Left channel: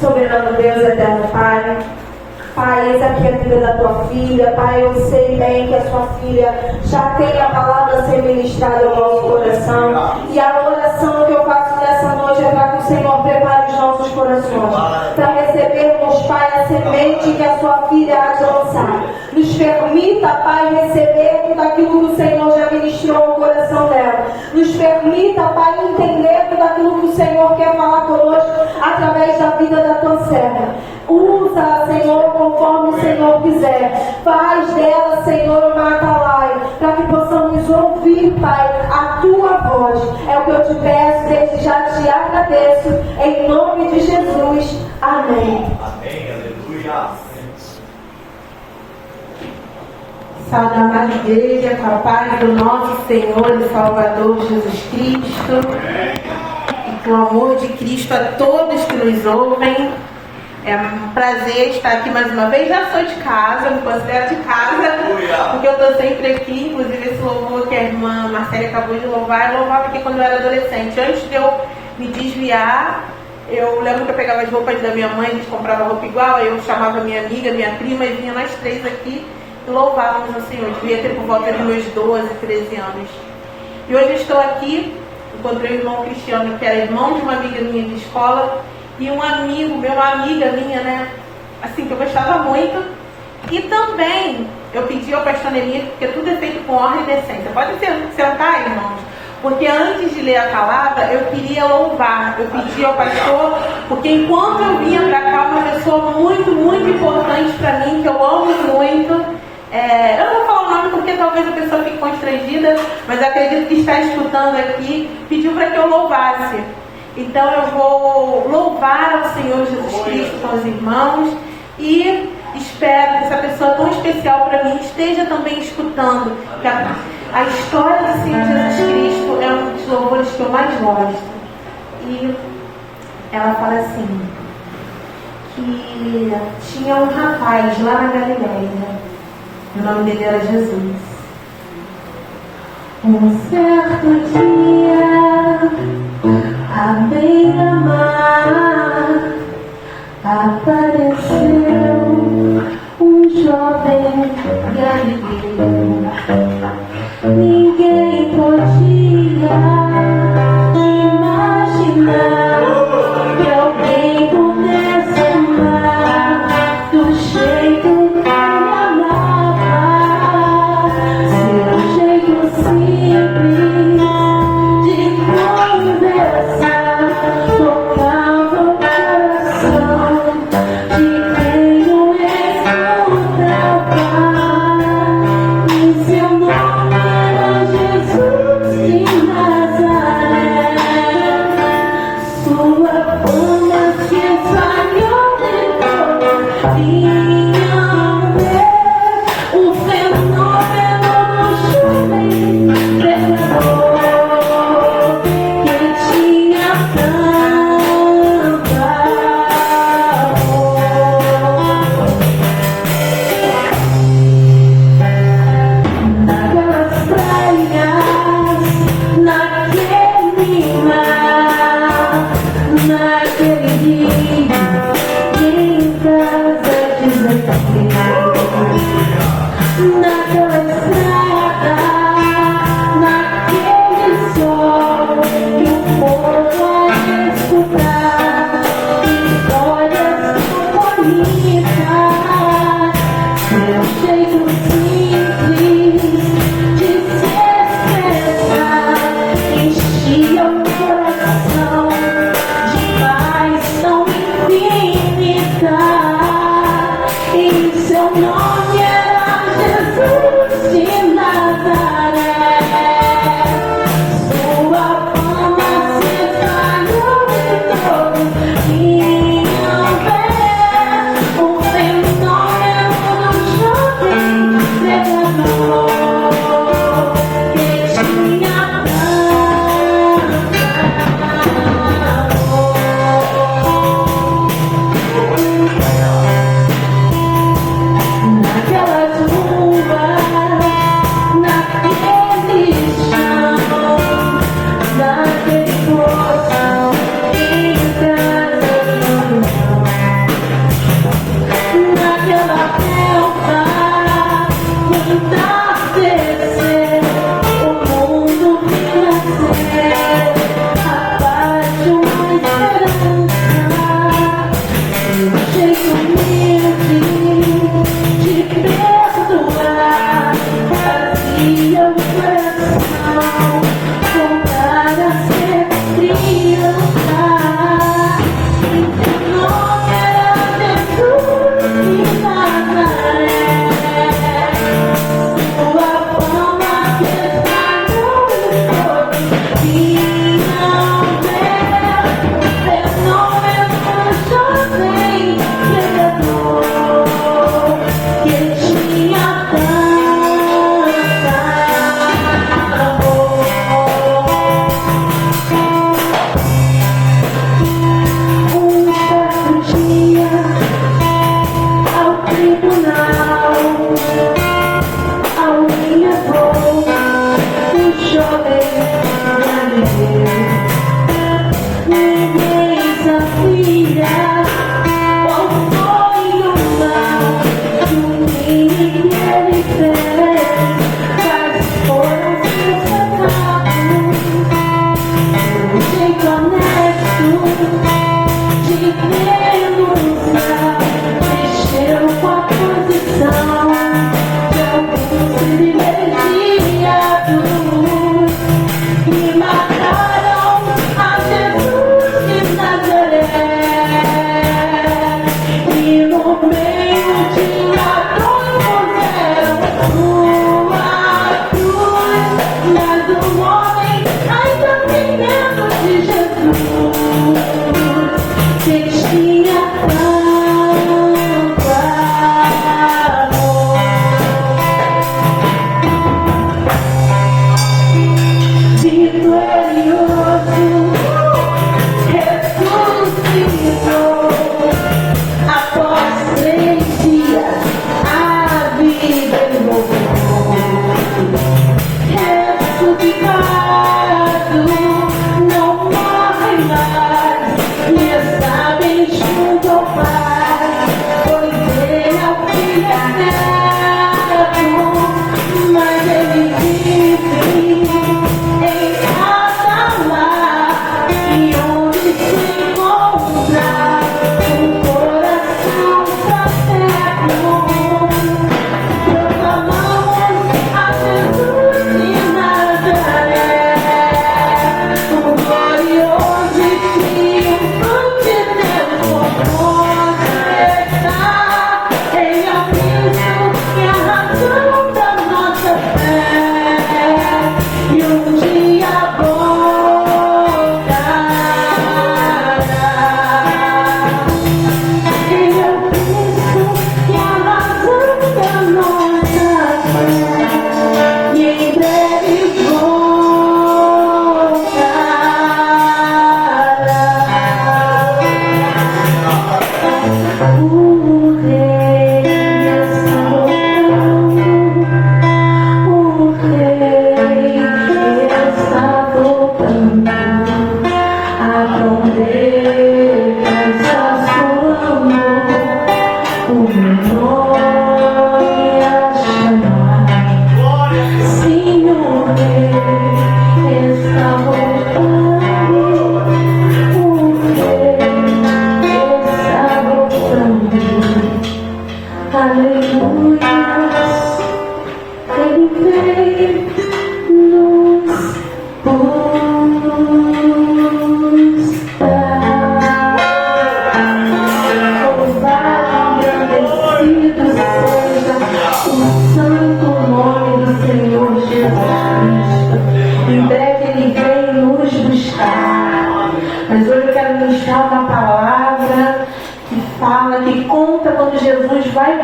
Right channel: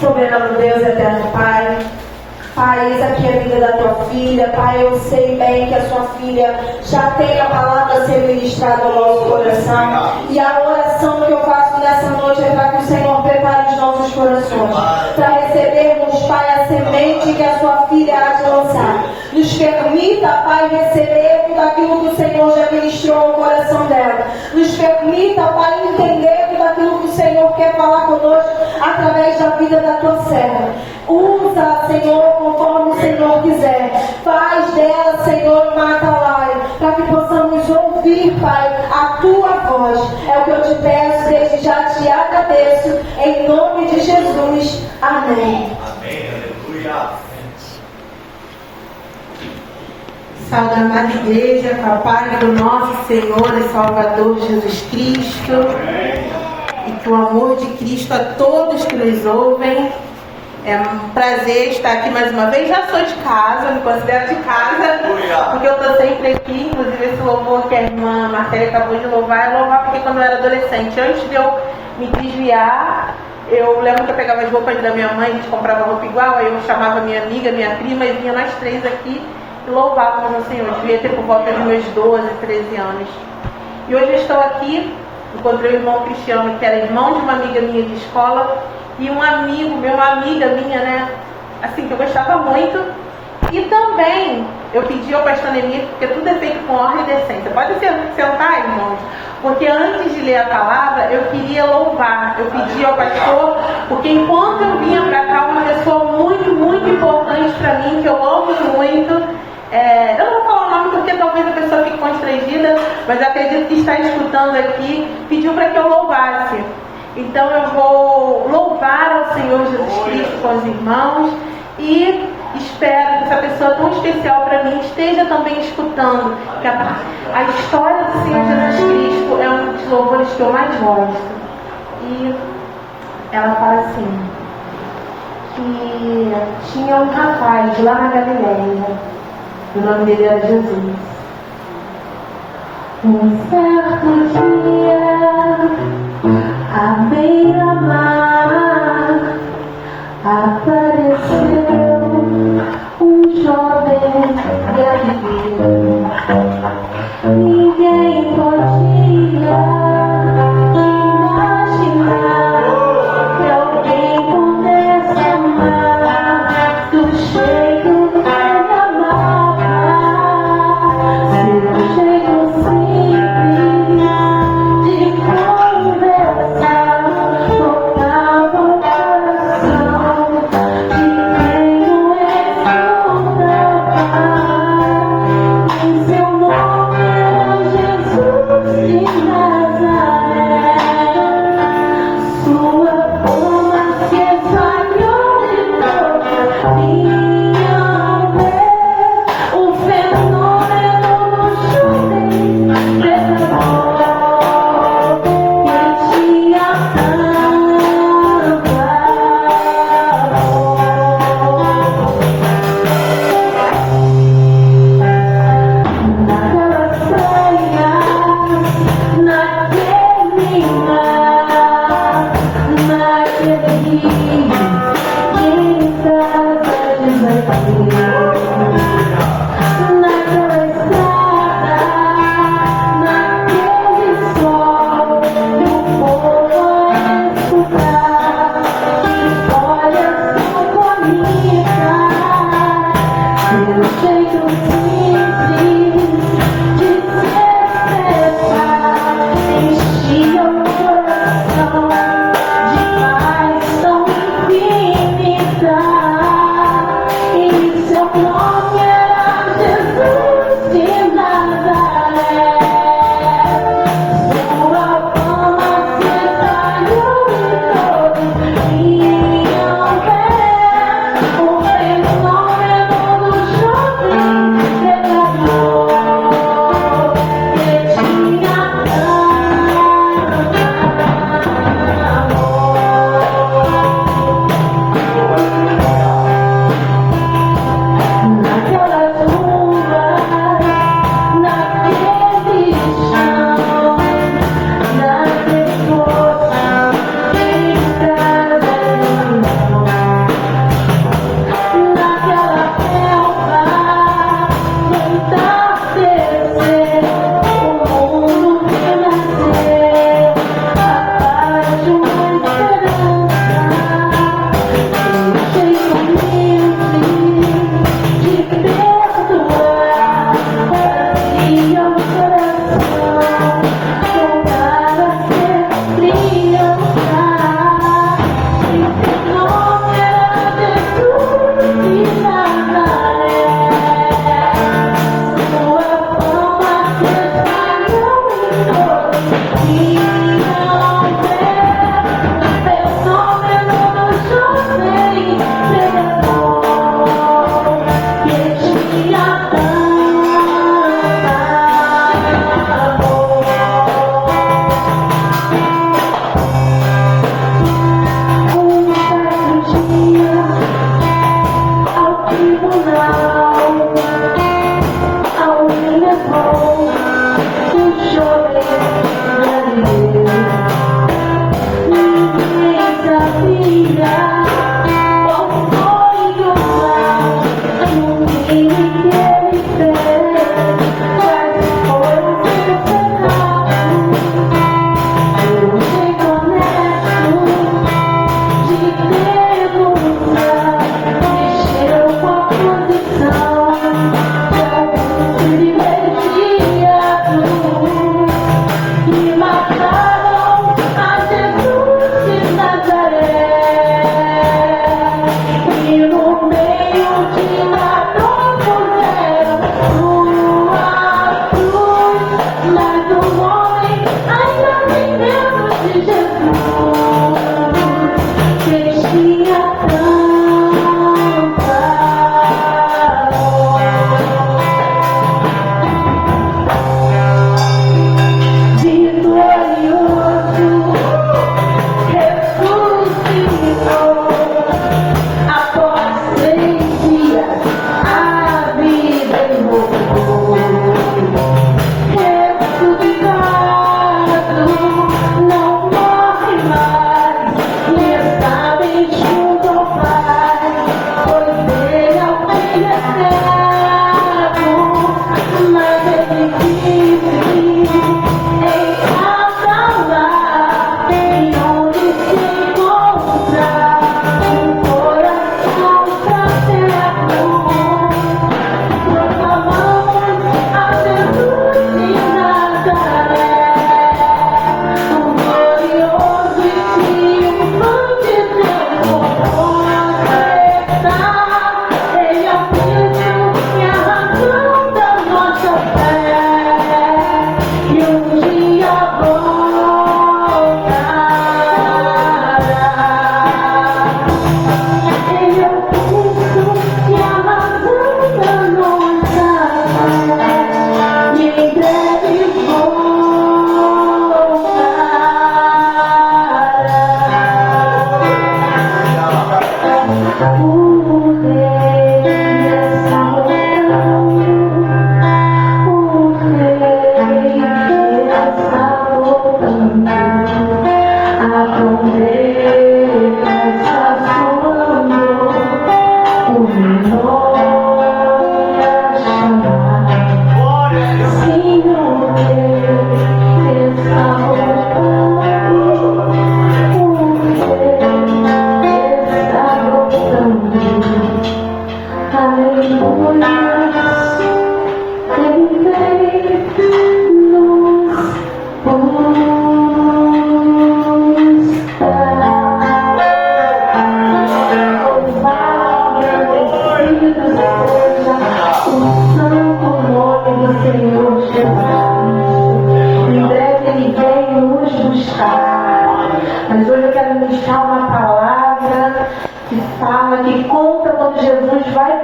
Soberano Deus, eterno Pai, Pai, eis aqui a vida da tua filha. Pai, eu sei bem que a sua filha já tem a palavra a ser ministrada ao nosso coração. E a oração que eu faço nessa noite é para que o Senhor prepare os nossos corações, para recebermos, Pai, a semente que a sua filha há de lançar. Nos permita, Pai, receber tudo aquilo que o Senhor já ministrou ao coração dela. Nos permita, Pai, entender tudo aquilo que o Senhor quer falar conosco através da vida da tua serva. Usa, Senhor, conforme o Senhor quiser. Faz dela, Senhor, uma atalaia, para que possamos ouvir, Pai, a tua voz. É o que eu te peço, desde já te agradeço, em nome de Jesus. Amém. Amém, aleluia. Salve a amada igreja, com a paz do nosso Senhor e Salvador Jesus Cristo. E com o amor de Cristo a todos que nos ouvem. É um prazer estar aqui mais uma vez. Já sou de casa, me considero de casa, porque eu estou sempre aqui. Inclusive esse louvor que a irmã Marcela acabou de louvar, eu louvava aqui quando eu era adolescente. Antes de eu me desviar, eu lembro que eu pegava as roupas da minha mãe, a gente comprava roupa igual, aí eu chamava minha amiga, minha prima, e vinha nós três aqui e louvávamos o Senhor. Eu devia ter por volta de meus 12, 13 anos. E hoje eu estou aqui, encontrei o irmão Cristiano, que era irmão de uma amiga minha de escola, e um amigo meu, uma amiga minha, né, assim, que eu gostava muito. E também eu pedi ao pastor Nenê, porque tudo é feito com honra e decência. Pode sentar, irmãos, porque antes de ler a palavra, eu queria louvar. Eu pedi ao pastor, porque enquanto eu vinha para cá, uma pessoa muito, muito importante para mim, que eu amo muito. Eu não vou falar o nome porque talvez a pessoa fique constrangida, mas acredito que está escutando aqui, pediu para que eu louvasse. Então eu vou louvar ao Senhor Jesus Cristo com os irmãos e espero que essa pessoa tão especial para mim esteja também escutando. A história do Senhor Jesus Cristo é um dos louvores que eu mais gosto. E ela fala assim, que tinha um rapaz lá na Galileia, o nome dele era Jesus. Um certo dia, à beira-mar, apareceu um jovem galileu. Ninguém podia imaginar que alguém pudesse amar do jeito que ele amava. Seu jeito simples de conversar tocava o coração de quem não escutava. E seu nome era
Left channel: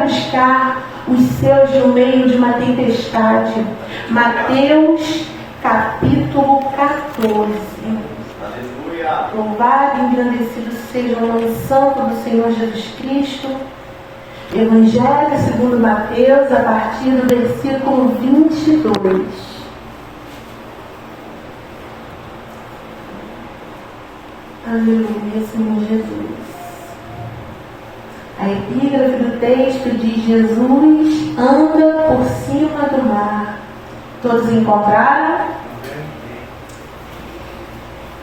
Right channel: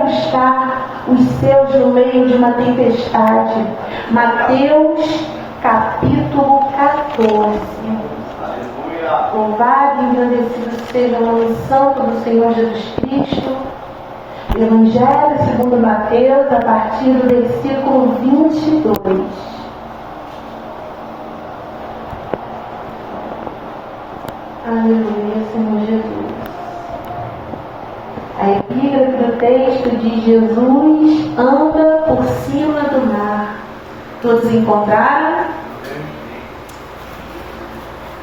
buscar os seus no meio de uma tempestade. Mateus capítulo 14. Louvado e engrandecido seja o nome santo do Senhor Jesus Cristo. Evangelho segundo Mateus, a partir do versículo 22. Aleluia, Senhor Jesus. A epígrafe do texto diz: Jesus anda por cima do mar. Todos encontraram?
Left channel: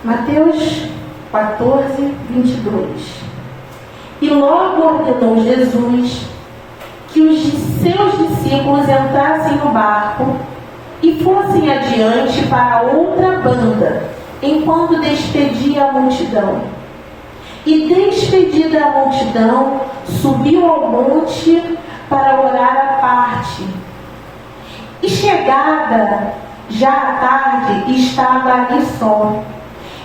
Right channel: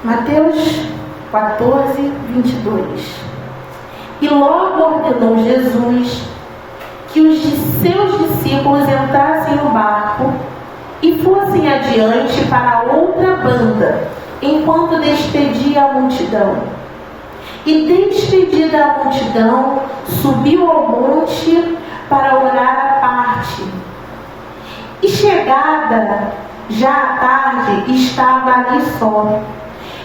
Mateus 14, 22. E logo ordenou Jesus que os de seus discípulos entrassem no barco e fossem adiante para outra banda, enquanto despedia a multidão. E despedida a multidão, subiu ao monte para orar à parte. E chegada já à tarde, estava ali só.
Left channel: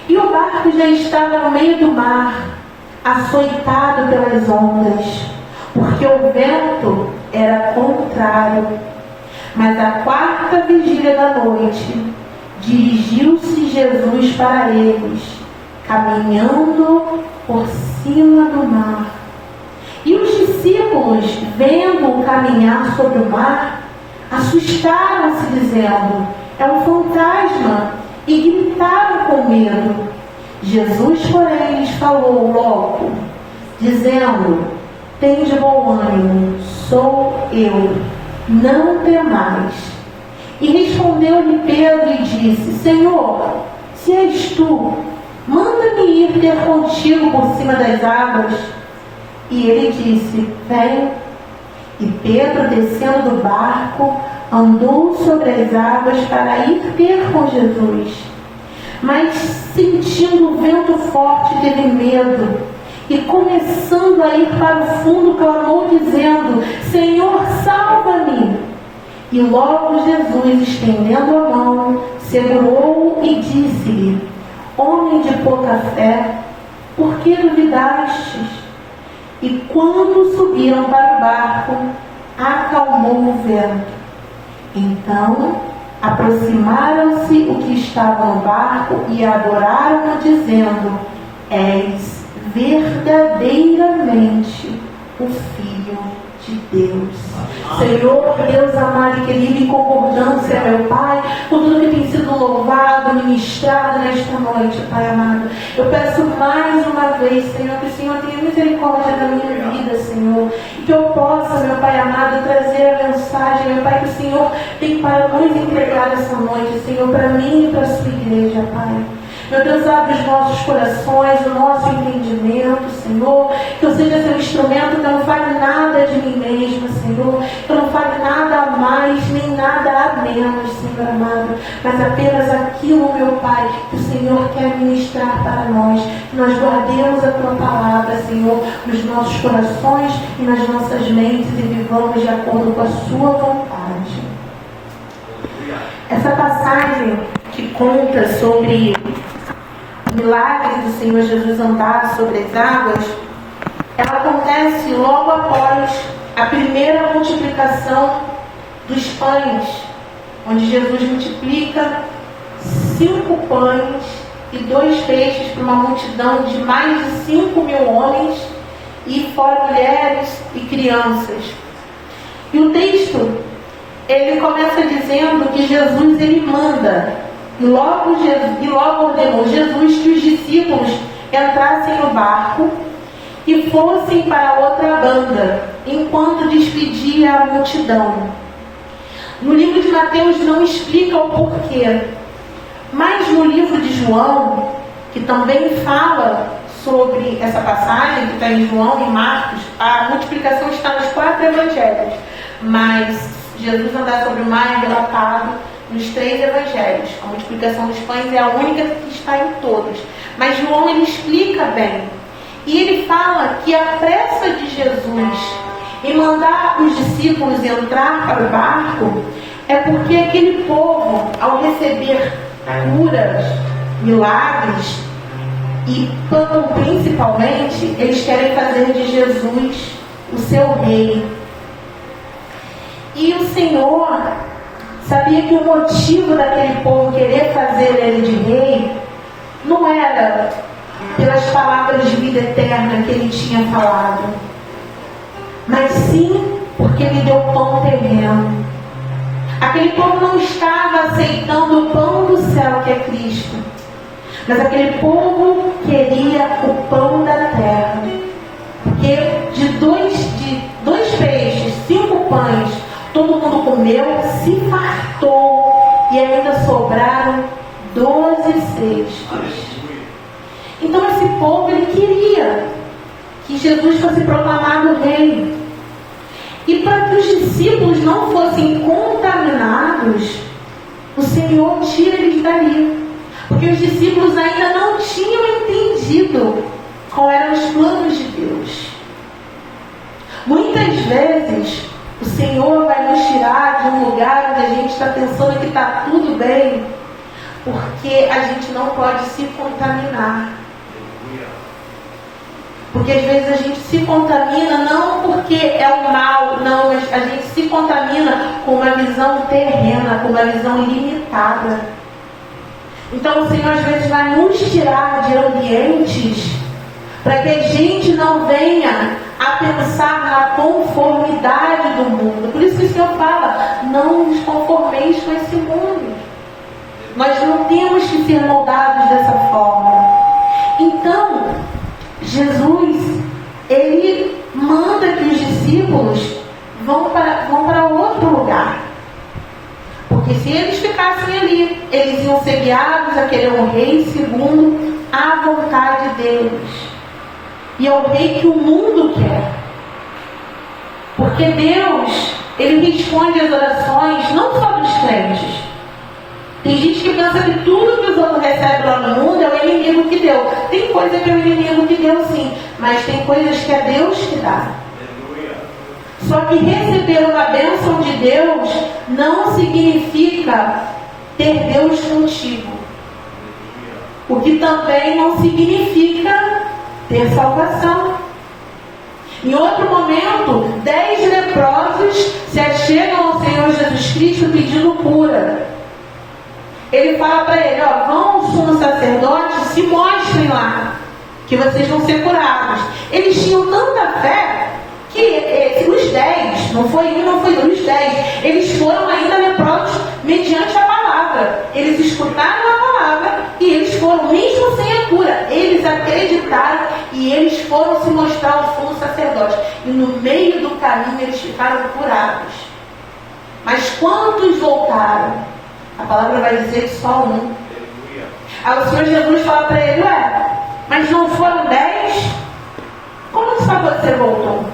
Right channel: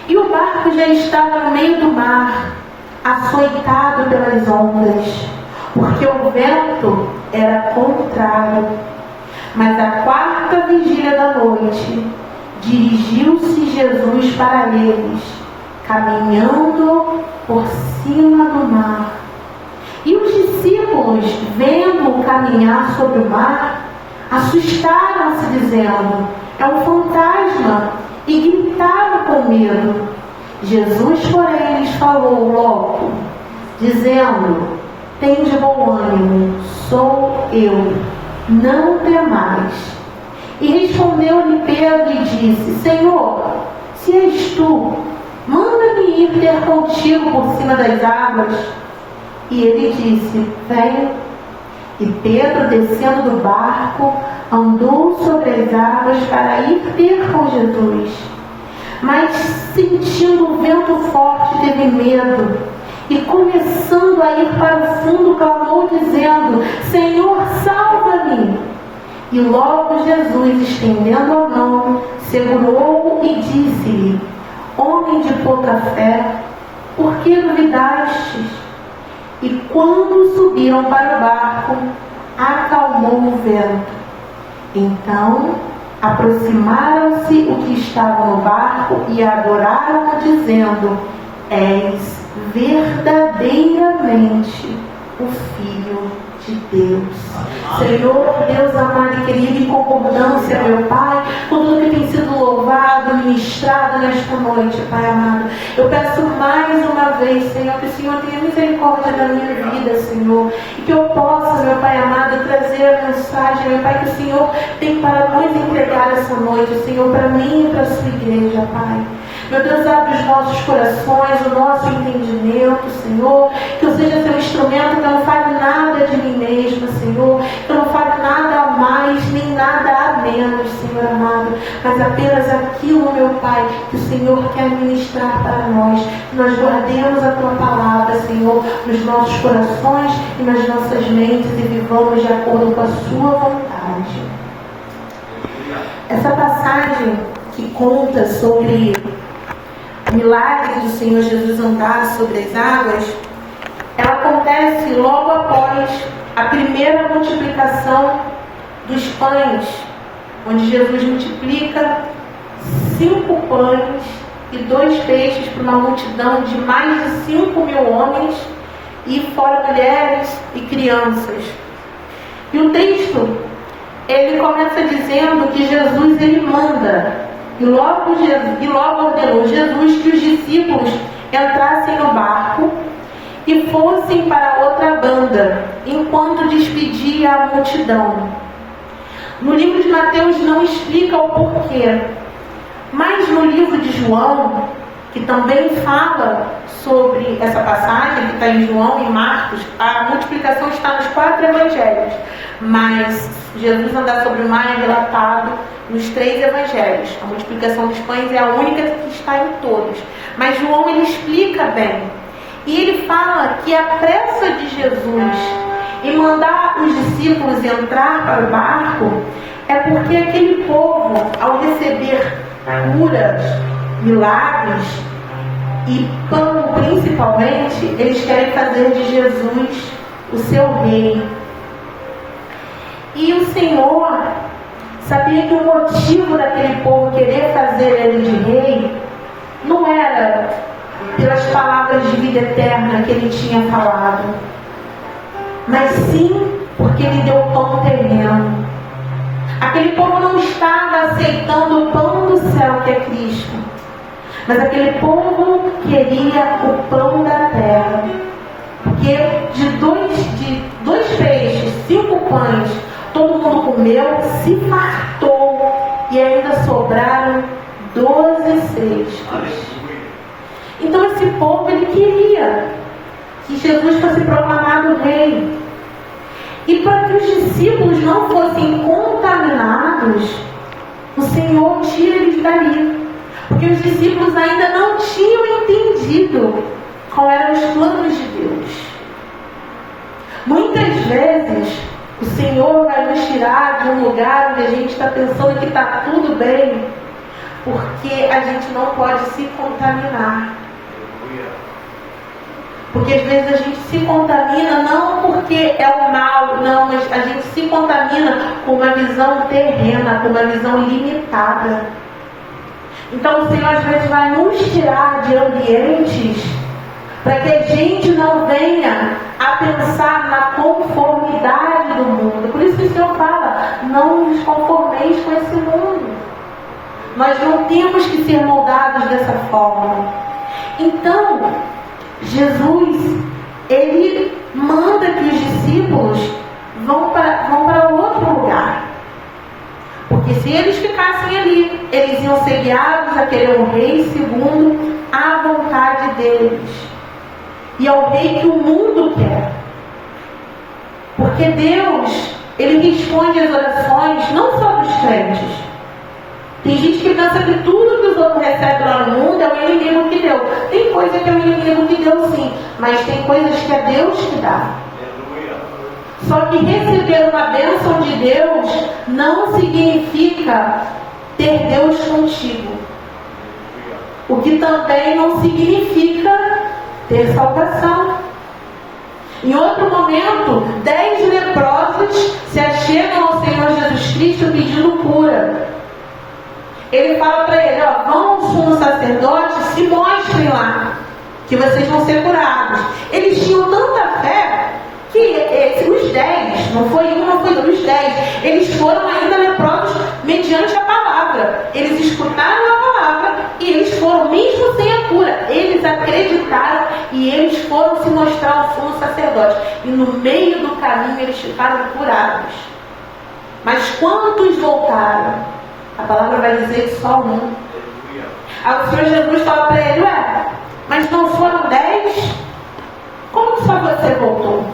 E o barco já estava no meio do mar, açoitado pelas ondas, porque o vento era contrário. Mas à quarta vigília da noite, dirigiu-se Jesus para eles, caminhando por cima do mar. E os discípulos, vendo-o caminhar sobre o mar, assustaram-se, dizendo: é um fantasma, e gritaram com medo. Jesus, porém, lhes falou logo, dizendo: tende bom ânimo, sou eu, não temais. E respondeu-lhe Pedro e disse: Senhor, se és tu, manda-me ir ter contigo por cima das águas. E ele disse: vem. E Pedro, descendo do barco, andou sobre as águas para ir ter com Jesus. Mas, sentindo o vento forte, teve medo. E, começando a ir para o fundo, clamou, dizendo: Senhor, salva-me! E logo Jesus, estendendo a mão, segurou-o e disse-lhe: homem de pouca fé, por que duvidastes? E quando subiram para o barco, acalmou o vento. Então aproximaram-se o que estavam no barco e adoraram-o, dizendo: és verdadeiramente o Filho de Deus. Senhor, Deus amado e querido, em concordância, meu Pai, por tudo que tem sido louvado e ministrado nesta noite, Pai amado, eu peço mais uma vez, Senhor, que o Senhor tenha misericórdia da minha vida, Senhor, e que eu possa, meu Pai amado, trazer a mensagem, meu Pai, que o Senhor tem para nos entregar essa noite, Senhor, para mim e para a sua igreja, Pai. Meu Deus, abre os nossos corações, o nosso entendimento, Senhor, que eu seja seu instrumento, que eu não fale nada de mim mesma, Senhor, que eu não fale nada a mais, nem nada a menos, Senhor amado, mas apenas aquilo, meu Pai, que o Senhor quer ministrar para nós, que nós guardemos a Tua palavra, Senhor, nos nossos corações e nas nossas mentes e vivamos de acordo com a Sua vontade. Essa passagem que conta sobre milagres do Senhor Jesus andar sobre as águas, ela acontece logo após a primeira multiplicação dos pães, onde Jesus multiplica 5 pães e 2 peixes para uma multidão de mais de 5.000 homens, e fora mulheres e crianças. E o texto, ele começa dizendo que Jesus, ele manda. E logo ordenou Jesus que os discípulos entrassem no barco e fossem para outra banda, enquanto despedia a multidão. No livro de Mateus não explica o porquê, mas no livro de João, que também fala sobre essa passagem, que está em João e Marcos, a multiplicação está nos 4 evangelhos, mas Jesus andar sobre o mar é relatado nos 3 evangelhos. A multiplicação dos pães é a única que está em todos. Mas João, ele explica bem. E ele fala que a pressa de Jesus em mandar os discípulos entrar para o barco é porque aquele povo, ao receber curas, milagres e pão principalmente, eles querem fazer de Jesus o seu rei. E o Senhor sabia que o motivo daquele povo querer fazer ele de rei não era pelas palavras de vida eterna que ele tinha falado, mas sim porque ele deu pão terreno. Aquele povo não estava aceitando o pão do céu, que é Cristo, mas aquele povo queria o pão da terra. Porque de dois peixes, 5 pães, todo mundo comeu, se fartou, e ainda sobraram 12 cestos. Então esse povo, ele queria que Jesus fosse proclamado rei. E para que os discípulos não fossem contaminados, o Senhor tira eles dali. Porque os discípulos ainda não tinham entendido quais eram os planos de Deus. Muitas vezes, o Senhor vai nos tirar de um lugar onde a gente está pensando que está tudo bem, porque a gente não pode se contaminar. Porque às vezes a gente se contamina não porque é o mal, não, mas a gente se contamina com uma visão terrena, com uma visão limitada. Então o Senhor às vezes vai nos tirar de ambientes para que a gente não venha a pensar na conformidade do mundo. Por isso que o Senhor fala, não nos conformeis com esse mundo. Nós não temos que ser moldados dessa forma. Então, Jesus, ele manda que os discípulos vão para outro lugar. Porque se eles ficassem ali, eles iam ser guiados a querer um rei segundo a vontade deles. E é o rei que o mundo quer. Porque Deus, ele responde às orações não só dos crentes. Tem gente que pensa que tudo que os outros recebem lá no mundo é o inimigo que deu. Tem coisa que é o inimigo que deu, sim. Mas tem coisas que é Deus que dá. Só que receber uma bênção de Deus não significa ter Deus contigo. O que também não significa ter salvação. Em outro momento, 10 leprosos se achegam ao Senhor Jesus Cristo pedindo cura. Ele fala para ele, vão ao sumo sacerdote, se mostrem lá, que vocês vão ser curados. Eles tinham tanta fé que os 10, não foi um, não foi dois, os 10, eles foram ainda leprosos mediante a palavra. Eles escutaram a palavra e eles foram, mesmo sem a cura, eles acreditaram e eles foram se mostrar ao sumo sacerdote. E no meio do caminho eles ficaram curados. Mas quantos voltaram? A palavra vai dizer que só um. Aí o Senhor Jesus fala para ele, mas não foram 10? Como só você voltou?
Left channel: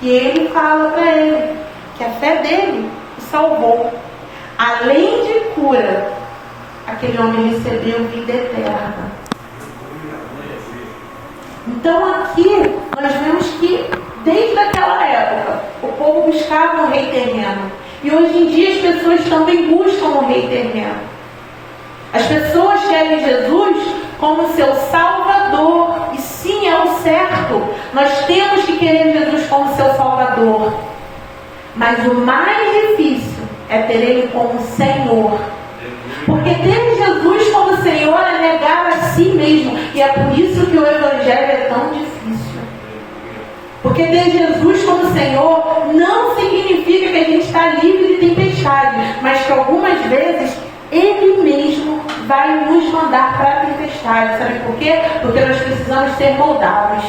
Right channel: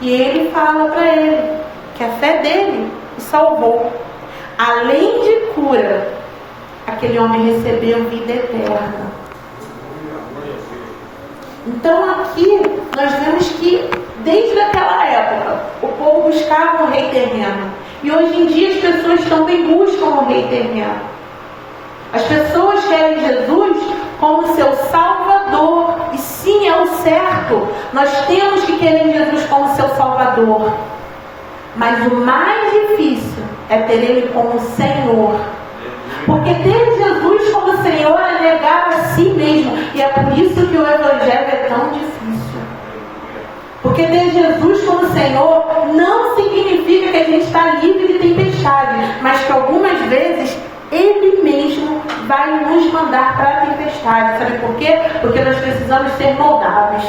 E ele fala para ele que a fé dele o salvou. Além de cura, aquele homem recebeu vida eterna. Então aqui nós vemos que desde aquela época o povo buscava um rei terreno. E hoje em dia as pessoas também buscam um rei terreno. As pessoas querem Jesus como seu Salvador. E sim, é o certo. Nós temos que querer Jesus como seu Salvador. Mas o mais difícil é ter Ele como Senhor. Porque ter Jesus como Senhor é negar a si mesmo. E é por isso que o Evangelho é tão difícil. Porque ter Jesus como Senhor não significa que a gente está livre de tempestade, mas que algumas vezes Ele mesmo vai nos mandar para a tempestade. Sabe por quê? Porque nós precisamos ser moldados.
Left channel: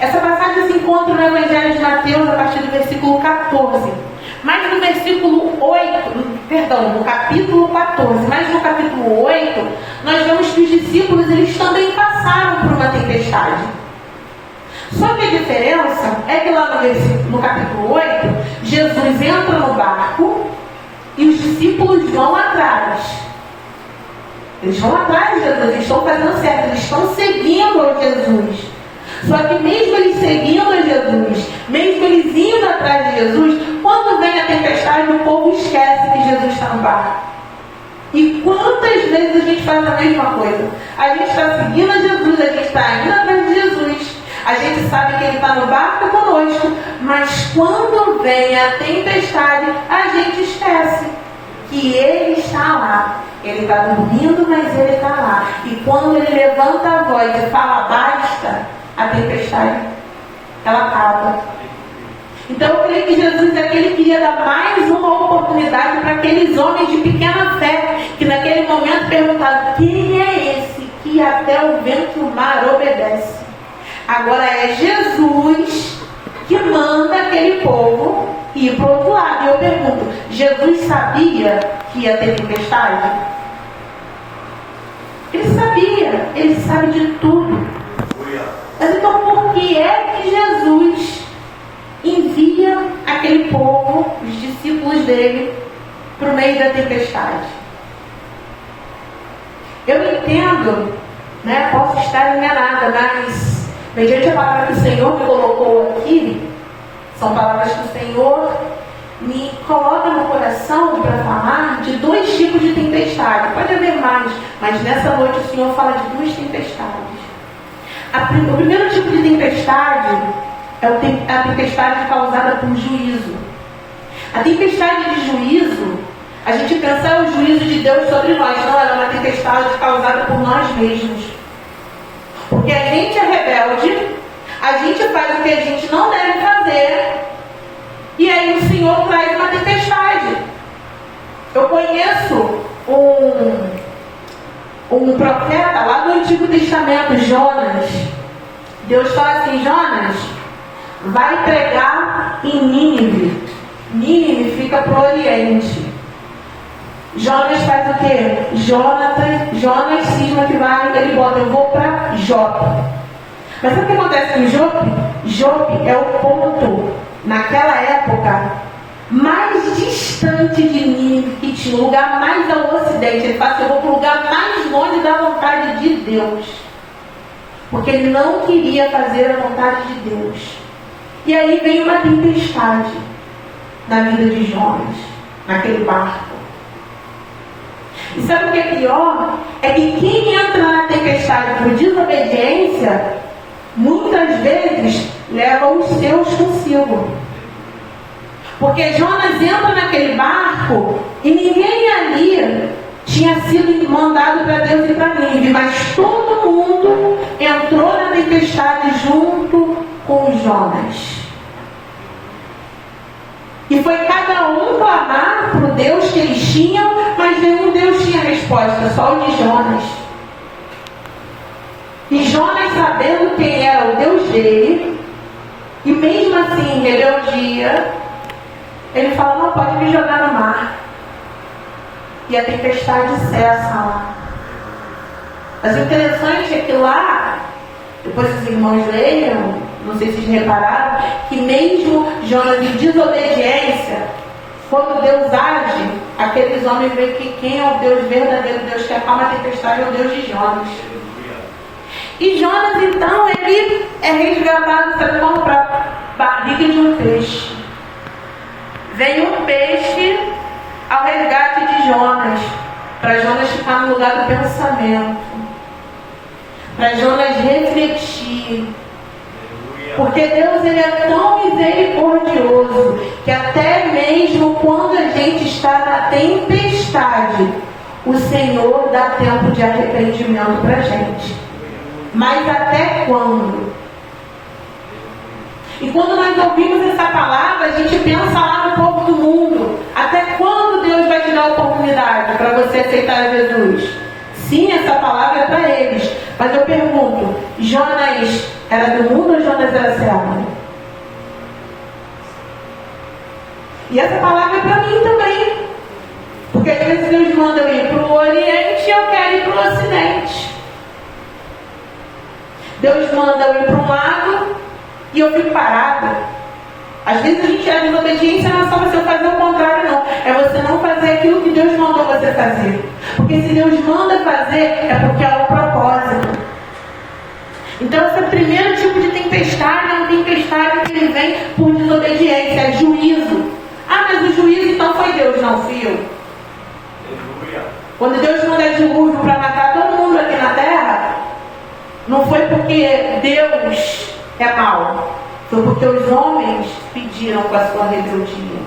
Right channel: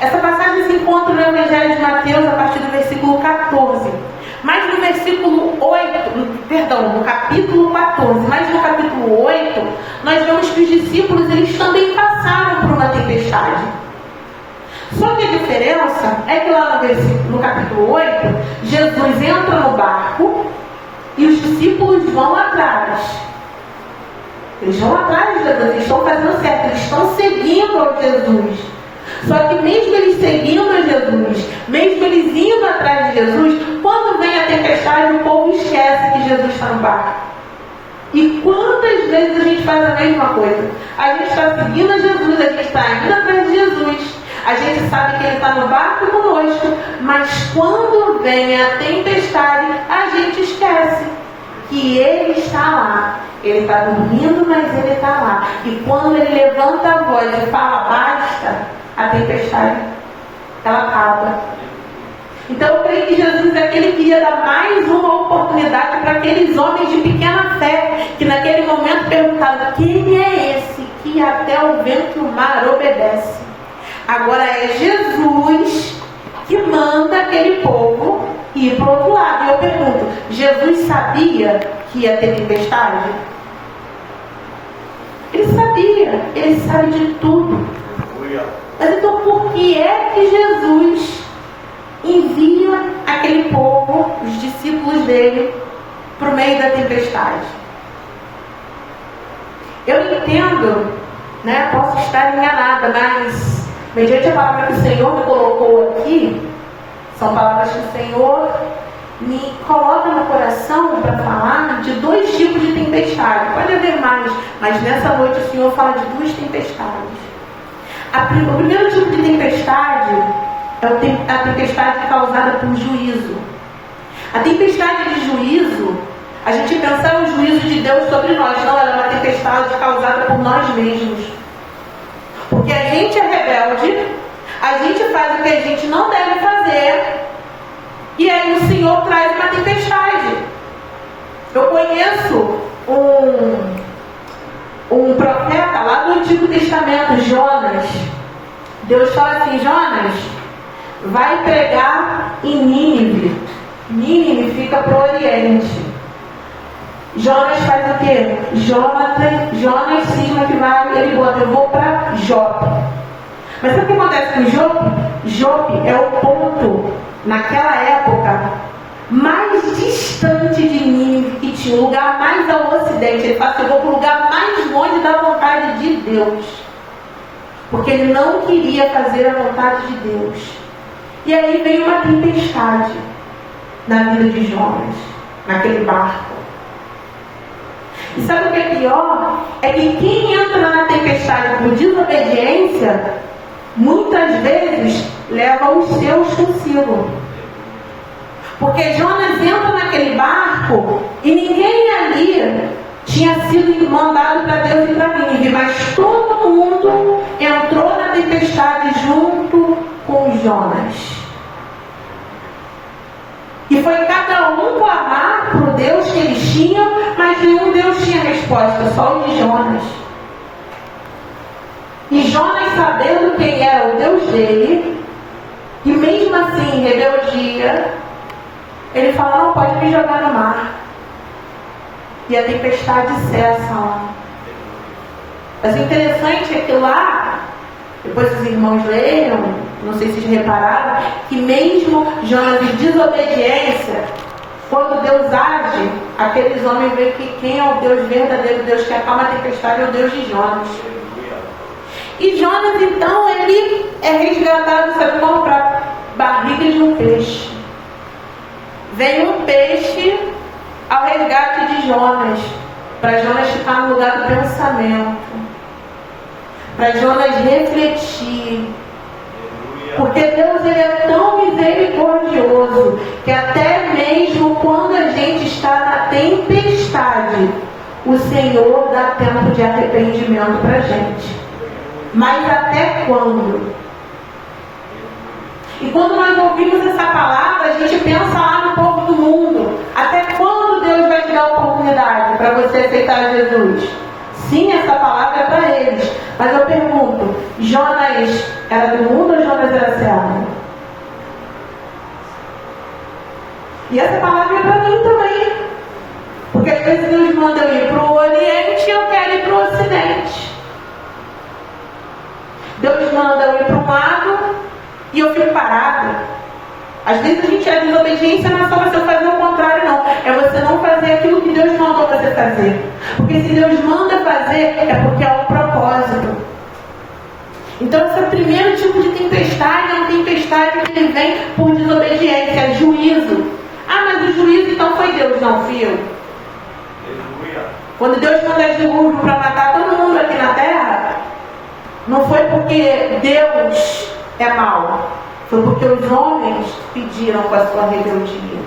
Essa passagem se encontra no Evangelho de Mateus a partir do versículo 14. Mas no versículo 8, no capítulo 14, mas no capítulo 8, nós vemos que os discípulos eles também passaram por uma tempestade. Só que a diferença é que lá no capítulo 8, Jesus entra no barco e os discípulos vão atrás. Eles vão atrás de Jesus, eles estão fazendo certo, eles estão seguindo a Jesus. Só que mesmo eles seguindo a Jesus, mesmo eles indo atrás de Jesus, quando vem a tempestade, o povo esquece que Jesus está no barco. E quantas vezes a gente faz a mesma coisa? A gente está seguindo a Jesus, a gente está indo atrás de Jesus. A gente sabe que Ele está no barco conosco, mas quando vem a tempestade, a gente esquece que Ele está lá. Ele está dormindo, mas Ele está lá. E quando Ele levanta a voz e fala basta, a tempestade, ela acaba. Então eu creio que Jesus é que Ele queria dar mais uma oportunidade para aqueles homens de pequena fé, que naquele momento perguntaram: quem é esse que até o vento e o mar obedece? Agora é Jesus que manda aquele povo ir para o outro lado. E eu pergunto: Jesus sabia que ia ter tempestade? Ele sabia, Ele sabe de tudo. Mas então por que é que Jesus envia aquele povo, os discípulos dele, para o meio da tempestade? Eu entendo, né, posso estar enganada, mas mediante a palavra que o Senhor me colocou aqui, são palavras que o Senhor me coloca no coração para falar de dois tipos de tempestade. Pode haver mais, mas nessa noite o Senhor fala de duas tempestades. O primeiro tipo de tempestade é a tempestade causada por juízo. A tempestade de juízo, a gente pensa é o juízo de Deus sobre nós. Não, ela é uma tempestade causada por nós mesmos. Porque a gente é rebelde, a gente faz o que a gente não deve fazer, e aí o Senhor traz uma tempestade. Eu conheço um profeta lá do Antigo Testamento, Jonas. Deus fala assim: Jonas, vai pregar em Nínive. Nínive fica para o Oriente. Jonas faz o quê? Jonas cisma que vai, ele bota: eu vou para Jope. Mas sabe o que acontece com Jope? Jope é o ponto, naquela época, mais distante de Nínive, que tinha o lugar mais ao ocidente. Ele fala: eu vou para o lugar mais longe da vontade de Deus, porque ele não queria fazer a vontade de Deus. E aí veio uma tempestade na vida de Jonas, naquele barco. E sabe o que é pior? É que quem entra na tempestade por desobediência, muitas vezes leva os seus consigo. Porque Jonas entra naquele barco e ninguém ali tinha sido mandado para Deus e para Nínive, mas todo mundo entrou na tempestade junto com Jonas. E foi cada um clamar para o Deus que eles tinham, mas nenhum Deus tinha resposta, só o de Jonas. E Jonas, sabendo quem era o Deus dele, e mesmo assim, em rebeldia, ele falou: não pode me jogar no mar. E a tempestade cessa lá. Mas o interessante é que lá, depois os irmãos leiam, não sei se vocês repararam, que mesmo Jonas de desobediência, quando Deus age, aqueles homens veem que quem é o Deus verdadeiro, Deus que acalma a tempestade, é o Deus de Jonas. E Jonas, então, ele é resgatado, sabe como? Para a barriga de um peixe. Vem um peixe ao resgate de Jonas, para Jonas ficar no lugar do pensamento, para Jonas refletir. Porque Deus, ele é tão misericordioso que até mesmo quando a gente está na tempestade, o Senhor dá tempo de arrependimento para a gente. Mas até quando? E quando nós ouvimos essa palavra, a gente pensa lá no povo do mundo. Até quando Deus vai te dar a oportunidade para você aceitar Jesus? Sim, essa palavra é para eles. Mas eu pergunto: Jonas era do mundo ou Jonas era servo? E essa palavra é para mim também. Porque às vezes Deus manda eu ir para o Oriente e eu quero ir para o Ocidente. Deus manda eu ir para um lado e eu fico parado. Às vezes a gente é desobediência, não é só você fazer o contrário, não. É você não fazer aquilo que Deus mandou você fazer. Porque se Deus manda fazer, é porque há um propósito. Então esse é o primeiro tipo de tempestade, é uma tempestade que ele vem por desobediência, é juízo. Ah, mas o juízo então foi Deus, não fui eu. Quando Deus manda dilúvio para matar todo mundo aqui na terra, não foi porque Deus é mau. Foi porque os homens pediram com a sua rebeldia.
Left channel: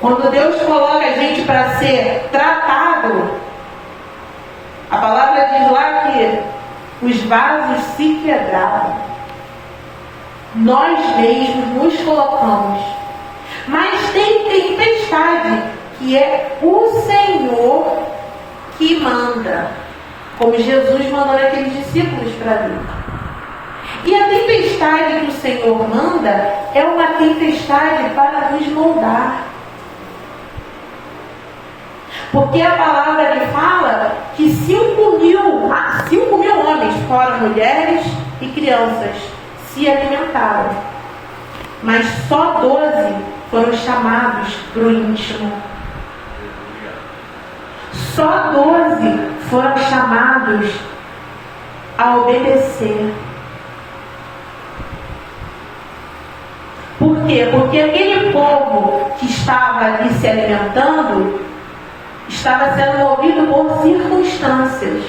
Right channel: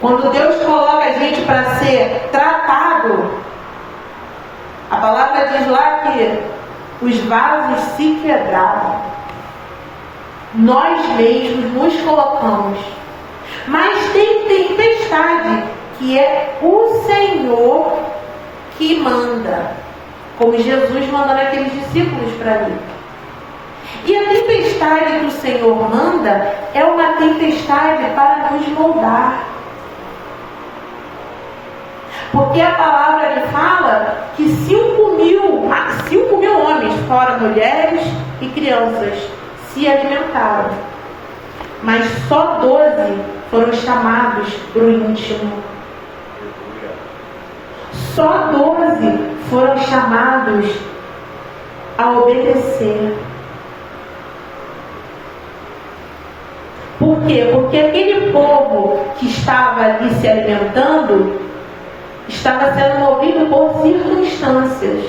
Quando Deus coloca a gente para ser tratado, a palavra diz lá que os vasos se quebraram. Nós mesmos nos colocamos. Mas tem tempestade, que é o Senhor que manda, como Jesus mandou naqueles discípulos para mim. E a tempestade que o Senhor manda é uma tempestade para nos moldar. Porque a palavra ele fala que 5 mil homens, fora mulheres e crianças, se alimentaram. Mas só 12 foram chamados para o íntimo. Só 12 foram chamados a obedecer. Por quê? Porque aquele povo que estava ali se alimentando estava sendo movido por circunstâncias.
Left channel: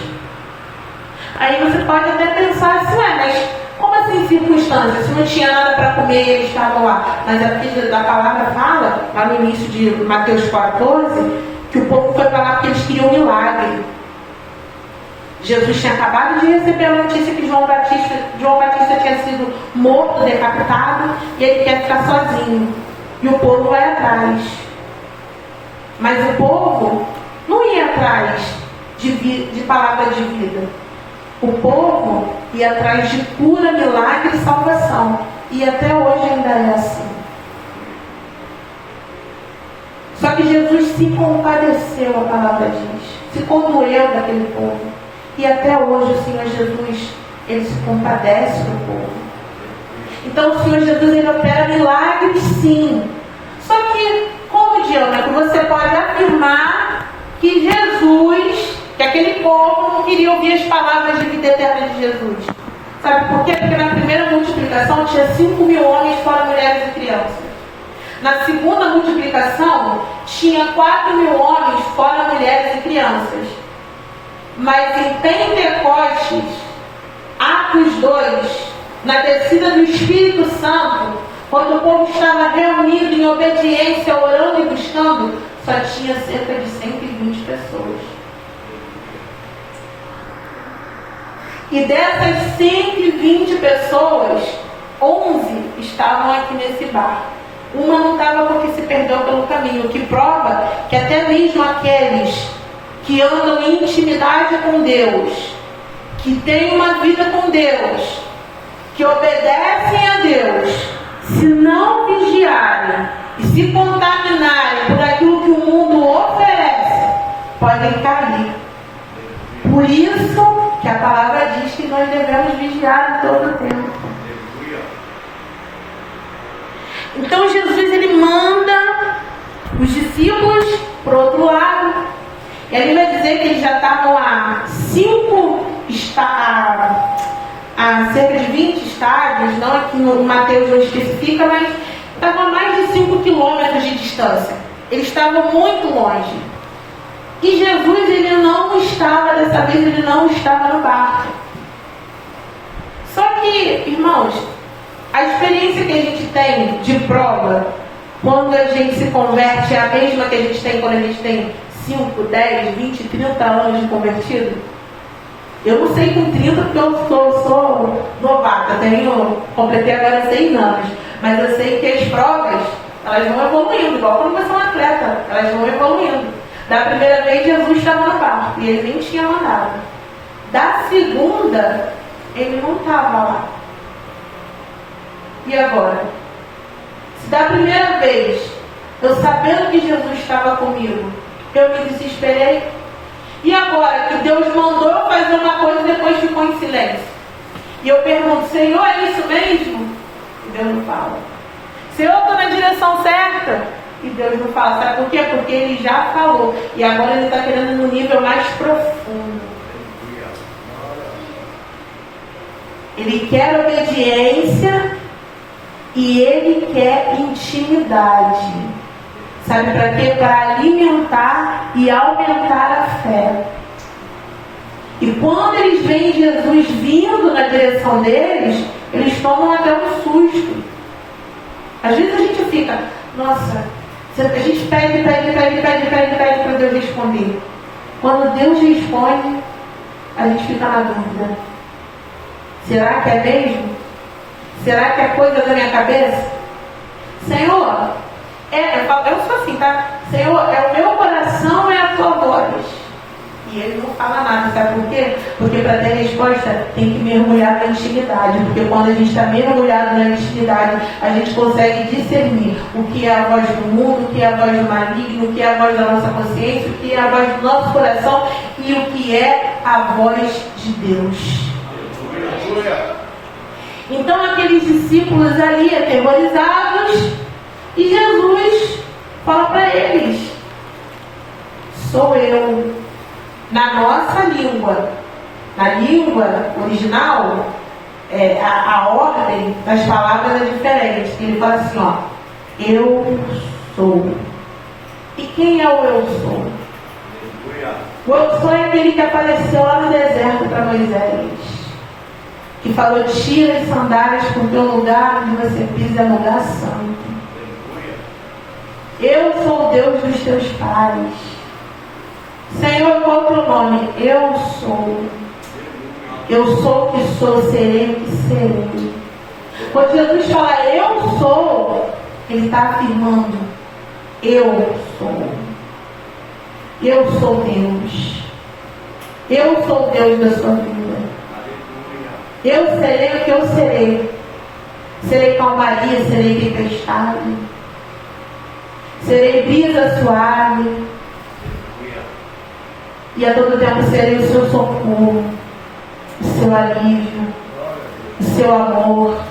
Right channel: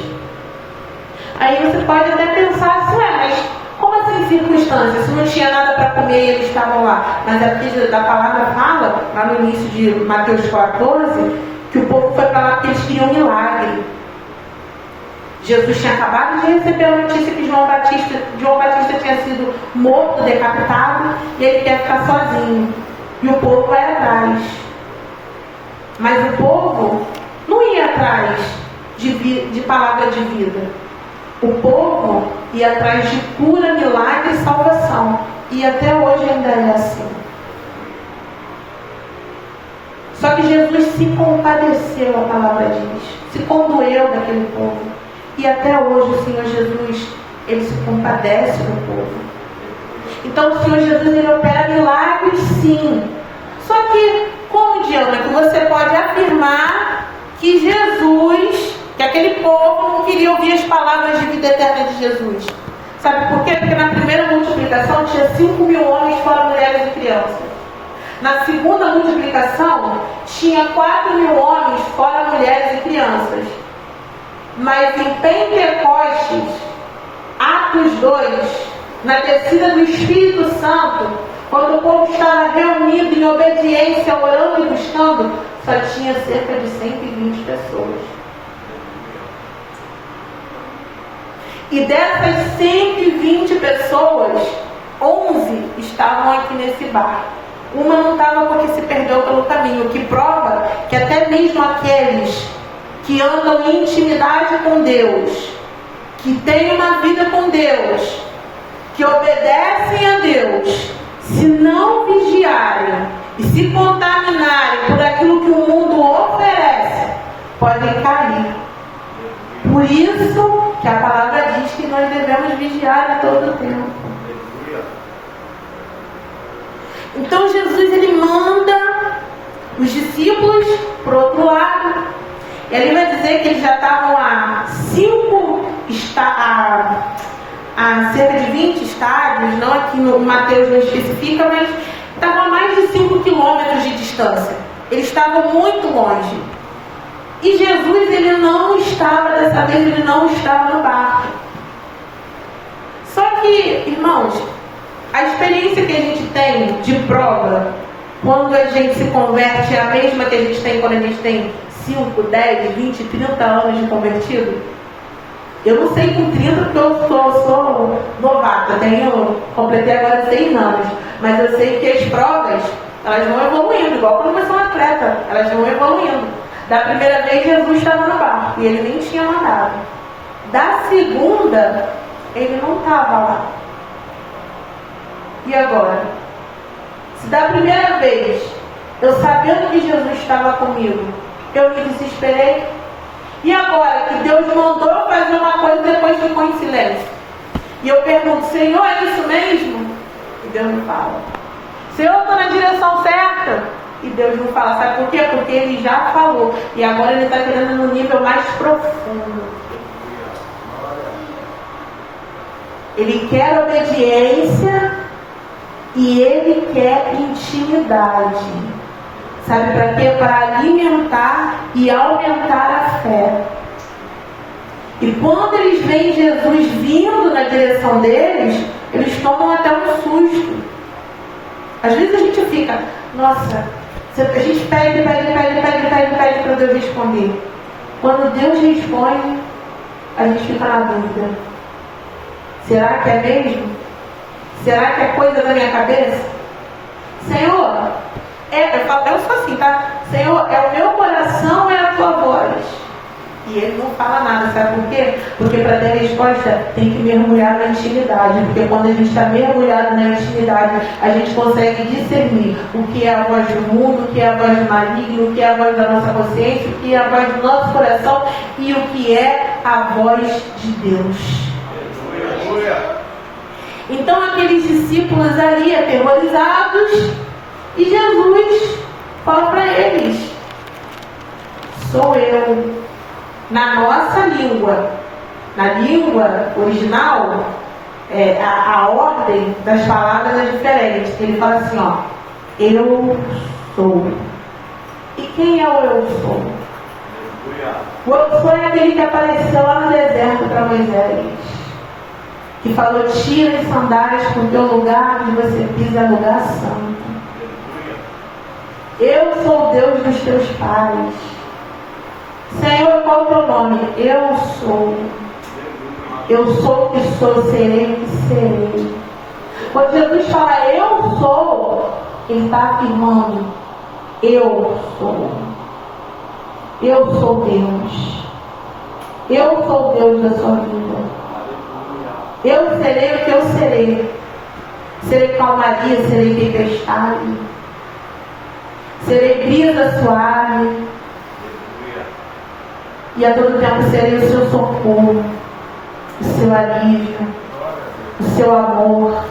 Aí você pode até pensar assim, mas como assim circunstâncias? Se não tinha nada para comer e eles estavam lá. Mas aqui da palavra fala, lá no início de Mateus 14, que o povo foi para lá porque eles queriam um milagre. Jesus tinha acabado de receber a notícia que João Batista tinha sido morto, decapitado, e ele quer ficar sozinho. E o povo vai atrás. Mas o povo não ia atrás de palavra de vida. O povo ia atrás de cura, milagre e salvação. E até hoje ainda é assim. Só que Jesus se compadeceu, a palavra diz. Se condoeu daquele povo. E até hoje o Senhor Jesus, ele se compadece do povo. Então o Senhor Jesus, ele opera milagres sim. Só que, como Diana, que você pode afirmar que Jesus, que aquele povo não queria ouvir as palavras de vida eterna de Jesus. Sabe por quê? Porque na primeira multiplicação tinha 5 mil homens fora mulheres e crianças. Na segunda multiplicação tinha 4 mil homens fora mulheres e crianças. Mas em Pentecostes, Atos 2, na descida do Espírito Santo, quando o povo estava reunido em obediência, orando e buscando, só tinha cerca de 120 pessoas. E dessas 120 pessoas, 11 estavam aqui nesse barco. Uma não estava porque se perdeu pelo caminho, o que prova que até mesmo aqueles que andam em intimidade com Deus, que têm uma vida com Deus, que obedecem a Deus, se não vigiarem e se contaminarem por aquilo que o mundo oferece, podem cair. Por isso que a palavra diz que nós devemos vigiar em todo o tempo. Então Jesus, ele manda os discípulos para o outro lado. E ele vai dizer que eles já estavam a cerca de 20 estádios, não aqui no Mateus não especifica, mas estavam a mais de 5 quilômetros de distância. Eles estavam muito longe. E Jesus, ele não estava, dessa vez, ele não estava no barco. Só que, irmãos, a experiência que a gente tem de prova, quando a gente se converte, é a mesma que a gente tem quando a gente tem 5, 10, 20, 30 anos de convertido. Eu não sei com 30 porque eu sou novata, completei agora 6 anos. Mas eu sei que as provas, elas vão evoluindo, igual quando você é um atleta, elas vão evoluindo. Da primeira vez, Jesus estava no barco e ele nem tinha mandado. Da segunda, ele não estava lá. E agora? Se da primeira vez, eu sabendo que Jesus estava comigo, eu me desesperei. E agora que Deus mandou fazer uma coisa e depois ficou em silêncio. E eu pergunto, Senhor, é isso mesmo? E Deus não fala. Senhor, eu estou na direção certa? E Deus não fala. Sabe por quê? Porque Ele já falou. E agora Ele está querendo no nível mais profundo. Ele quer obediência e Ele quer intimidade. Sabe para quê? Para alimentar e aumentar a fé. E quando eles veem Jesus vindo na direção deles, eles tomam até um susto. Às vezes a gente fica, nossa, a gente pede para Deus responder. Quando Deus responde, a gente fica na dúvida. Será que é mesmo? Será que é coisa da minha cabeça? Senhor, eu sou assim, tá? Senhor, é o meu coração ou é a tua voz? E ele não fala nada, sabe por quê? Porque para ter resposta tem que mergulhar na intimidade. Porque quando a gente está mergulhado na intimidade, a gente consegue discernir o que é a voz do mundo, o que é a voz do maligno, o que é a voz da nossa consciência, o que é a voz do nosso coração e o que é a voz de Deus. Então aqueles discípulos ali aterrorizados, e Jesus fala para eles: sou eu. Na nossa língua, na língua original, a ordem das palavras é diferente. Ele fala assim, ó, eu sou. E quem é o eu sou? O eu sou é aquele que apareceu lá no deserto para Moisés, que falou: tira as sandálias do teu lugar e você pisa no lugar santo. Eu sou o Deus dos teus pais. Senhor, qual é o teu nome? Eu sou. Eu sou o que sou, serei o que serei. Quando Jesus fala eu sou, ele está afirmando: eu sou. Eu sou Deus. Eu sou Deus da sua vida. Eu serei o que eu serei. Serei calmaria, serei tempestade. Serei brisa suave. E a todo tempo serei o seu socorro, o seu alívio, o seu amor,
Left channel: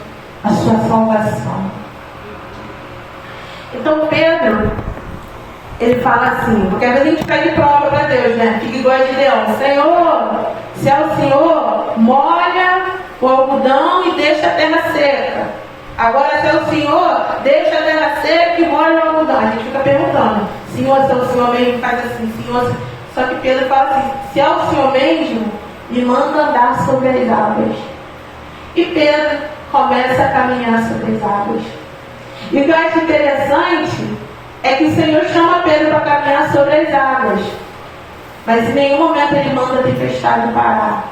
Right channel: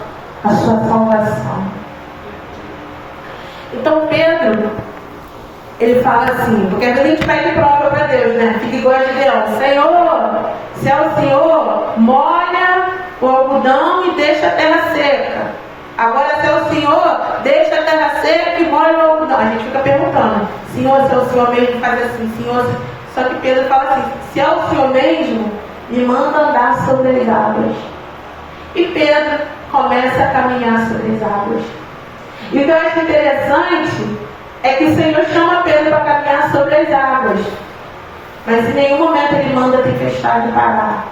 a sua salvação. Então Pedro, ele fala assim, porque a gente pede prova para Deus, né? Fica igual a Gideão: Senhor, se é o Senhor, molha o algodão e deixa a terra seca. Agora, se é o Senhor, deixa a terra seca e molha o algodão. A gente fica perguntando: Senhor, se é o Senhor mesmo, faz assim, Senhor. Só que Pedro fala assim: se é o Senhor mesmo, me manda andar sobre as águas. E Pedro começa a caminhar sobre as águas. E o que eu acho interessante é que o Senhor chama Pedro para caminhar sobre as águas, mas em nenhum momento ele manda a tempestade parar.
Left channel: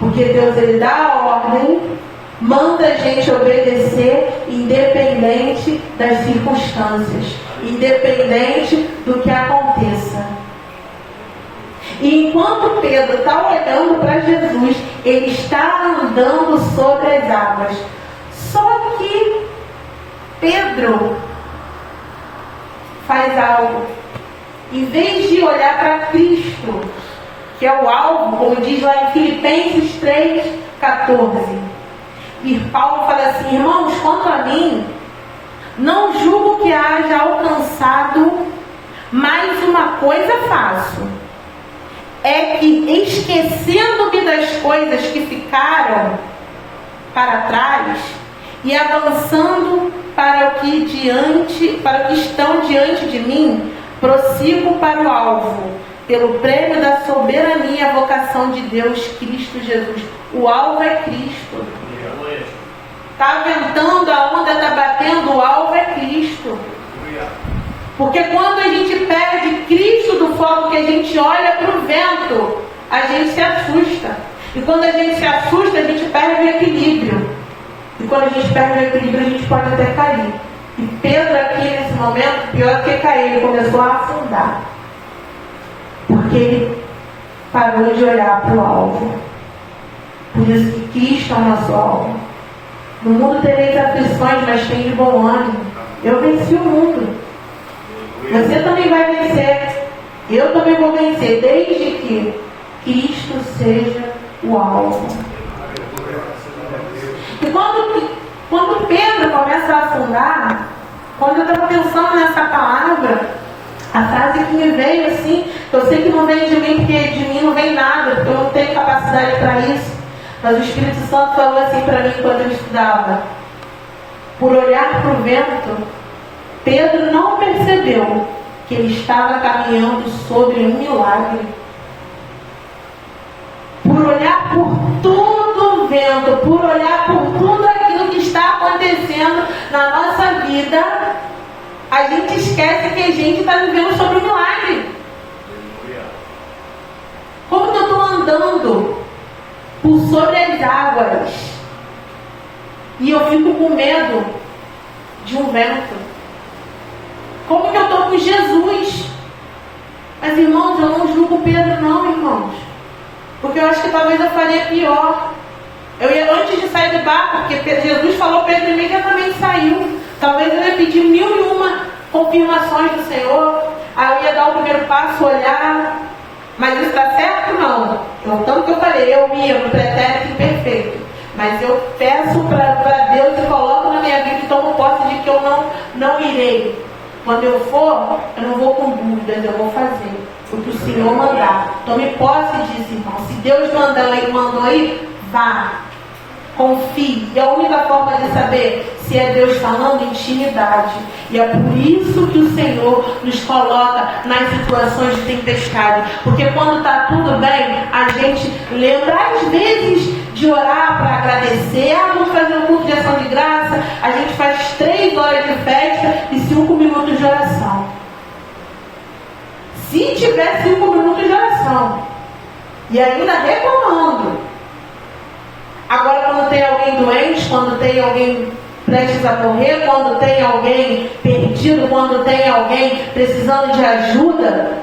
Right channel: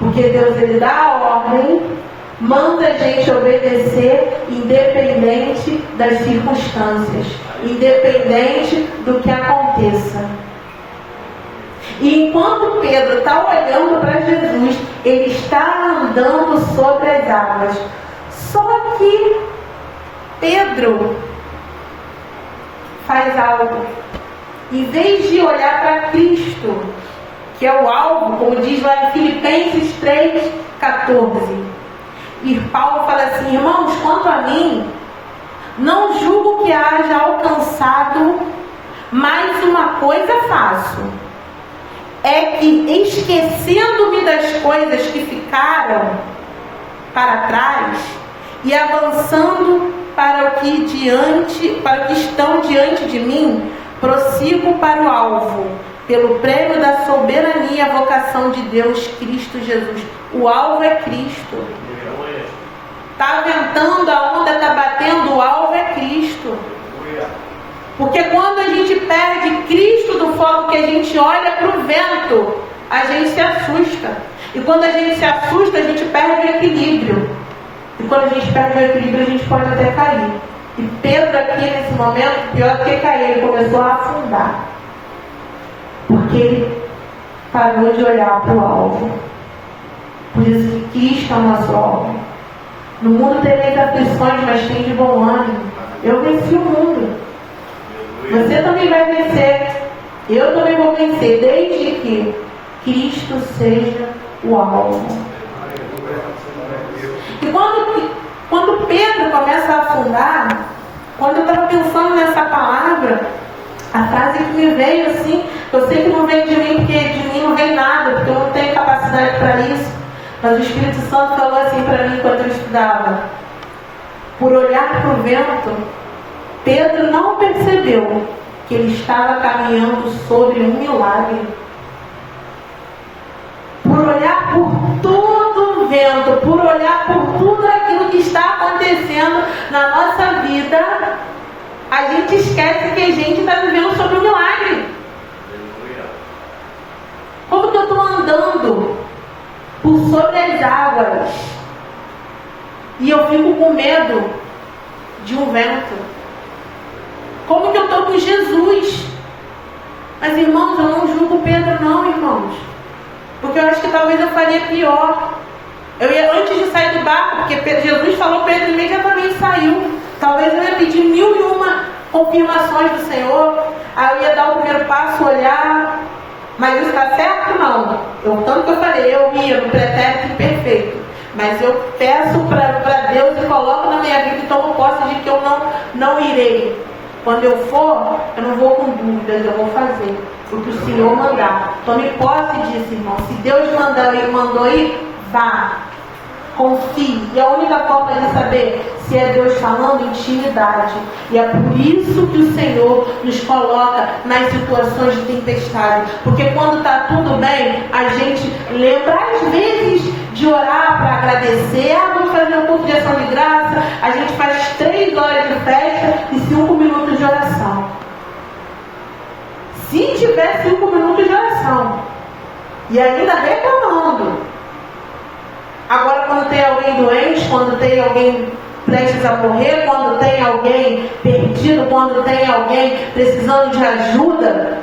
Porque Deus, ele dá a ordem, manda a gente obedecer, independente das circunstâncias, independente do que aconteça. E enquanto Pedro está olhando para Jesus, ele está andando sobre as águas. Só que Pedro faz algo. Em vez de olhar para Cristo, que é o alvo, como diz lá em Filipenses 3,14. E Paulo fala assim: irmãos, quanto a mim, não julgo que haja alcançado, mas uma coisa faço, é que, esquecendo-me das coisas que ficaram para trás e avançando para o que estão diante de mim, prossigo para o alvo, pelo prêmio da soberania vocação de Deus, Cristo Jesus. O alvo é Cristo. Está ventando, a onda está batendo, o alvo é Cristo. Porque quando a gente perde Cristo do foco, que a gente olha para o vento, a gente se assusta. E quando a gente se assusta, a gente perde o equilíbrio. E quando a gente perde o equilíbrio, a gente pode até cair. E Pedro aqui, nesse momento, pior do que cair, ele começou a afundar. Porque ele parou de olhar para o alvo. Por isso que Cristo é o nosso alvo. No mundo tereis aflições, mas tem de bom ânimo. Eu venci o mundo. Você também vai vencer. Eu também vou vencer, desde que Cristo seja o alvo. E quando Pedro começa a afundar, quando eu estava pensando nessa palavra, a frase que me veio assim, eu sei que não vem de mim, porque de mim não vem nada, porque eu não tenho capacidade para isso, mas o Espírito Santo falou assim para mim quando eu estudava: por olhar para o vento, Pedro não percebeu que ele estava caminhando sobre um milagre. Por olhar por todo o vento, por olhar por tudo aquilo que está acontecendo na nossa vida, a gente esquece que a gente está vivendo sobre um milagre. Como que eu estou andando por sobre as águas e eu fico com medo de um vento? Como que eu estou com Jesus? Mas, irmãos, eu não julgo Pedro, não, irmãos. Porque eu acho que talvez eu faria pior. Eu ia, antes de sair do barco, porque Jesus falou, Pedro imediatamente saiu. Talvez eu ia pedir 1001 confirmações do Senhor. Aí eu ia dar o primeiro passo, olhar. Mas isso está certo? Não. Tanto que eu falei, eu ia no pretérito imperfeito. Mas eu peço para Deus e coloco na minha vida e tomo posse de que eu não irei. Quando eu for, eu não vou com dúvidas, eu vou fazer o que o Senhor mandar. Tome posse disso, irmão. Se Deus mandou ir, vá. Confie. E a única forma de saber se é Deus falando, intimidade. E é por isso que o Senhor nos coloca nas situações de tempestade. Porque quando está tudo bem, a gente lembra às vezes de orar para agradecer. Vamos fazer um culto de ação de graça. A gente faz 3 horas de festa e 5 minutos de oração. Se tiver 5 minutos de oração. E ainda reclamando. Agora, quando tem alguém doente, quando tem alguém prestes a morrer, quando tem alguém perdido, quando tem alguém precisando de ajuda,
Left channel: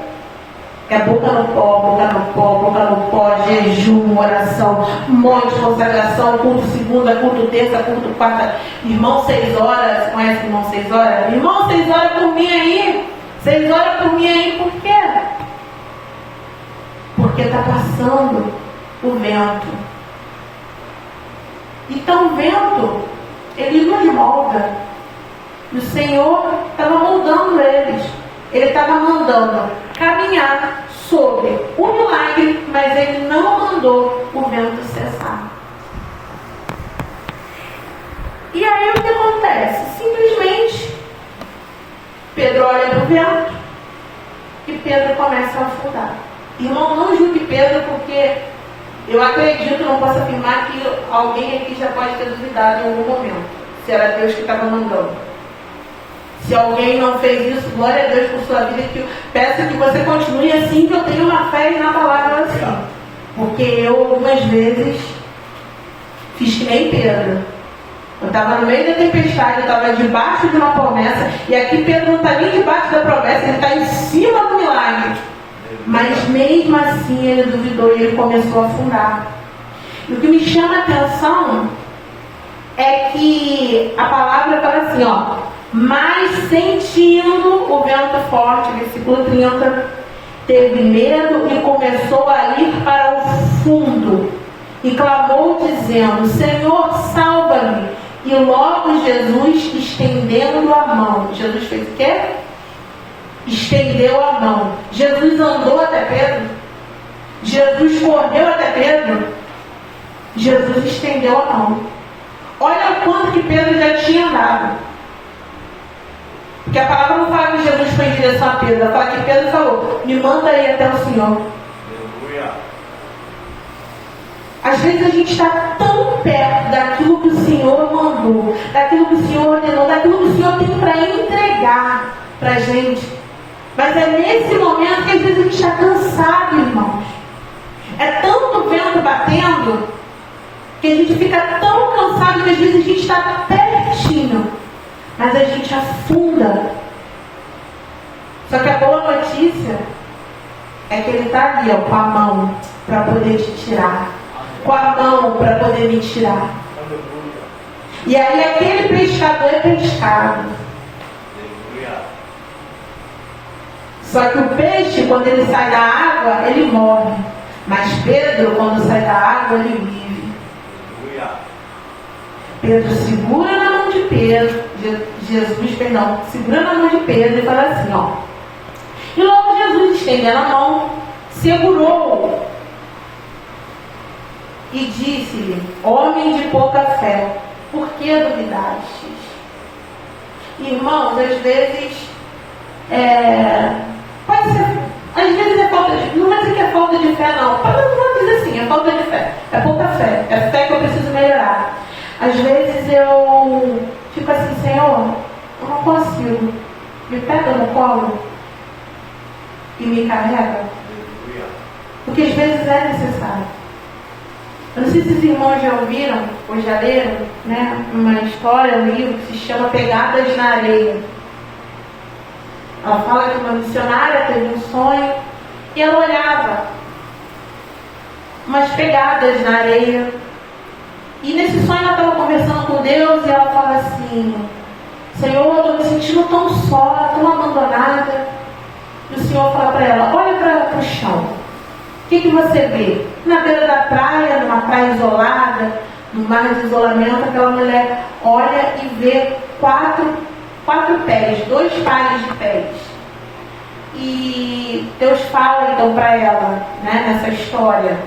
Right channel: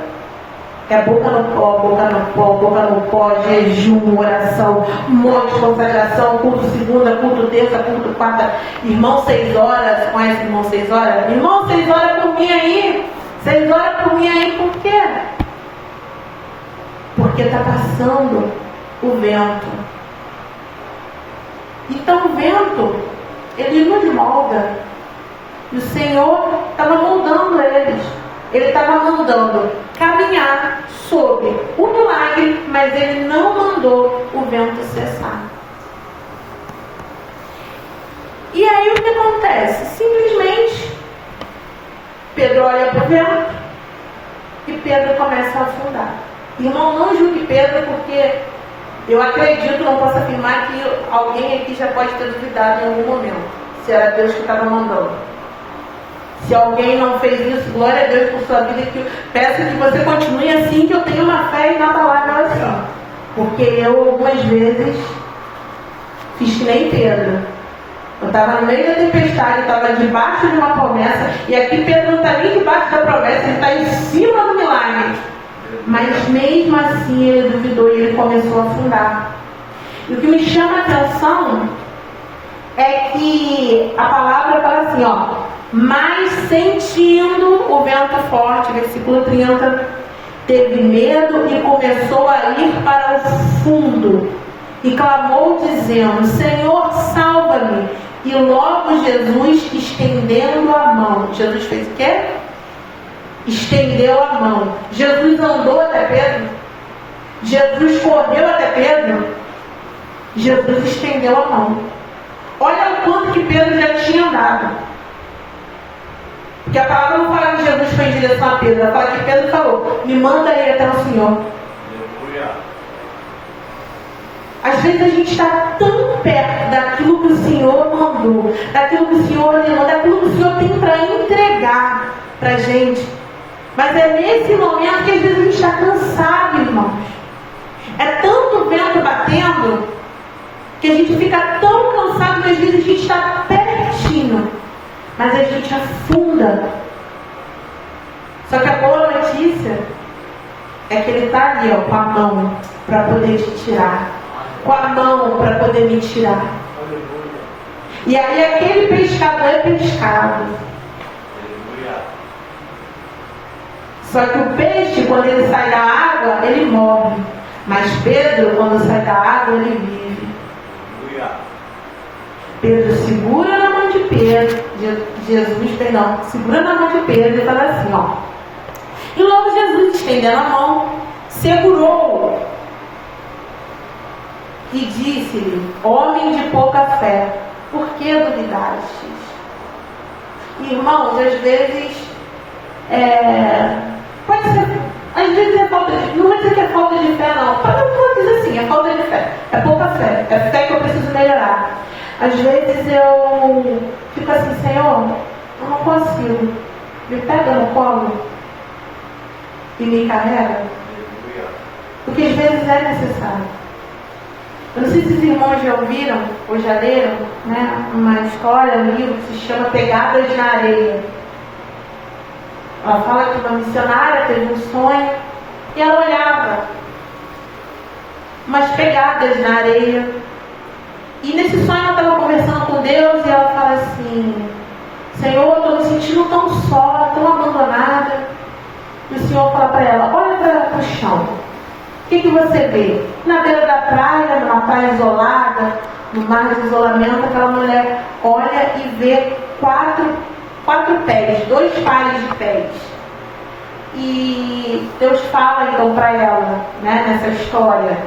é boca no pó, boca no pó, boca no pó, jejum, oração, um monte de consagração, culto segunda, culto terça, culto quarta, irmão 6 horas, conhece irmão 6 horas? Irmão 6 horas por mim aí, 6 horas por mim aí, por quê? Porque está passando o vento. Então o vento, ele nos molda. E o Senhor estava moldando eles. Ele estava mandando caminhar sobre o milagre, mas ele não mandou o vento cessar. E aí o que acontece? Simplesmente, Pedro olha para o vento e Pedro começa a afundar. Irmão, não julgue Pedro, porque eu acredito, não posso afirmar que alguém aqui já pode ter duvidado em algum momento, se era Deus que estava mandando. Se alguém não fez isso, glória a Deus por sua vida, que eu peço que você continue assim, que eu tenho uma fé na palavra do Senhor. Porque eu, algumas vezes, fiz que nem Pedro. Eu estava no meio da tempestade, eu estava debaixo de uma promessa, e aqui Pedro não está nem debaixo da promessa, ele está em cima do milagre. Mas mesmo assim ele duvidou e ele começou a afundar. E o que me chama a atenção é que a palavra fala assim, ó, mas sentindo o vento forte, versículo 30, teve medo e começou a ir para o fundo e clamou dizendo, Senhor, salva-me. E logo Jesus, estendendo a mão, Jesus fez o quê? Estendeu a mão. Jesus andou até Pedro. Jesus correu até Pedro. Jesus estendeu a mão. Olha o quanto que Pedro já tinha andado. Porque a palavra não fala que Jesus foi em direção a Pedro. Ela fala que Pedro falou, me manda aí até o Senhor. Às vezes a gente está tão perto daquilo que o Senhor mandou, daquilo que o Senhor ordenou, daquilo que o Senhor tem para entregar para a gente. Mas é nesse momento que às vezes a gente está cansado, irmãos. É tanto vento batendo que a gente fica tão cansado que às vezes a gente está pertinho, mas a gente afunda. Só que a boa notícia é que ele está ali, ó, com a mão para poder te tirar, com a mão para poder me tirar. E aí aquele pescador é pescado. Só que o peixe, quando ele sai da água, ele morre. Mas Pedro, quando sai da água, ele vive. Pedro segura na mão de Pedro, segura na mão de Pedro e fala assim, ó. E logo Jesus, estendendo a mão, segurou-o e disse-lhe, homem de pouca fé, por que duvidastes? Irmãos, às vezes, pode ser, às vezes é falta de, não vai ser que é falta de fé não, pode simples assim, é falta de fé, é pouca fé, é fé que eu preciso melhorar. Às vezes eu fico assim, Senhor, eu não consigo, me pega no colo e me carrega, porque às vezes é necessário. Eu não sei se os irmãos já ouviram ou já leram, né, uma história, um livro que se chama Pegadas na Areia. Ela fala que uma missionária teve um sonho e ela olhava umas pegadas na areia. E nesse sonho ela estava conversando com Deus e ela fala assim, Senhor, eu estou me sentindo tão só, tão abandonada. E o Senhor fala para ela, olha para o chão. O que você vê? Na beira da praia, numa praia isolada, no mar de isolamento, aquela mulher olha e vê quatro pés, 2 pares de pés. E Deus fala então para ela, né, nessa história.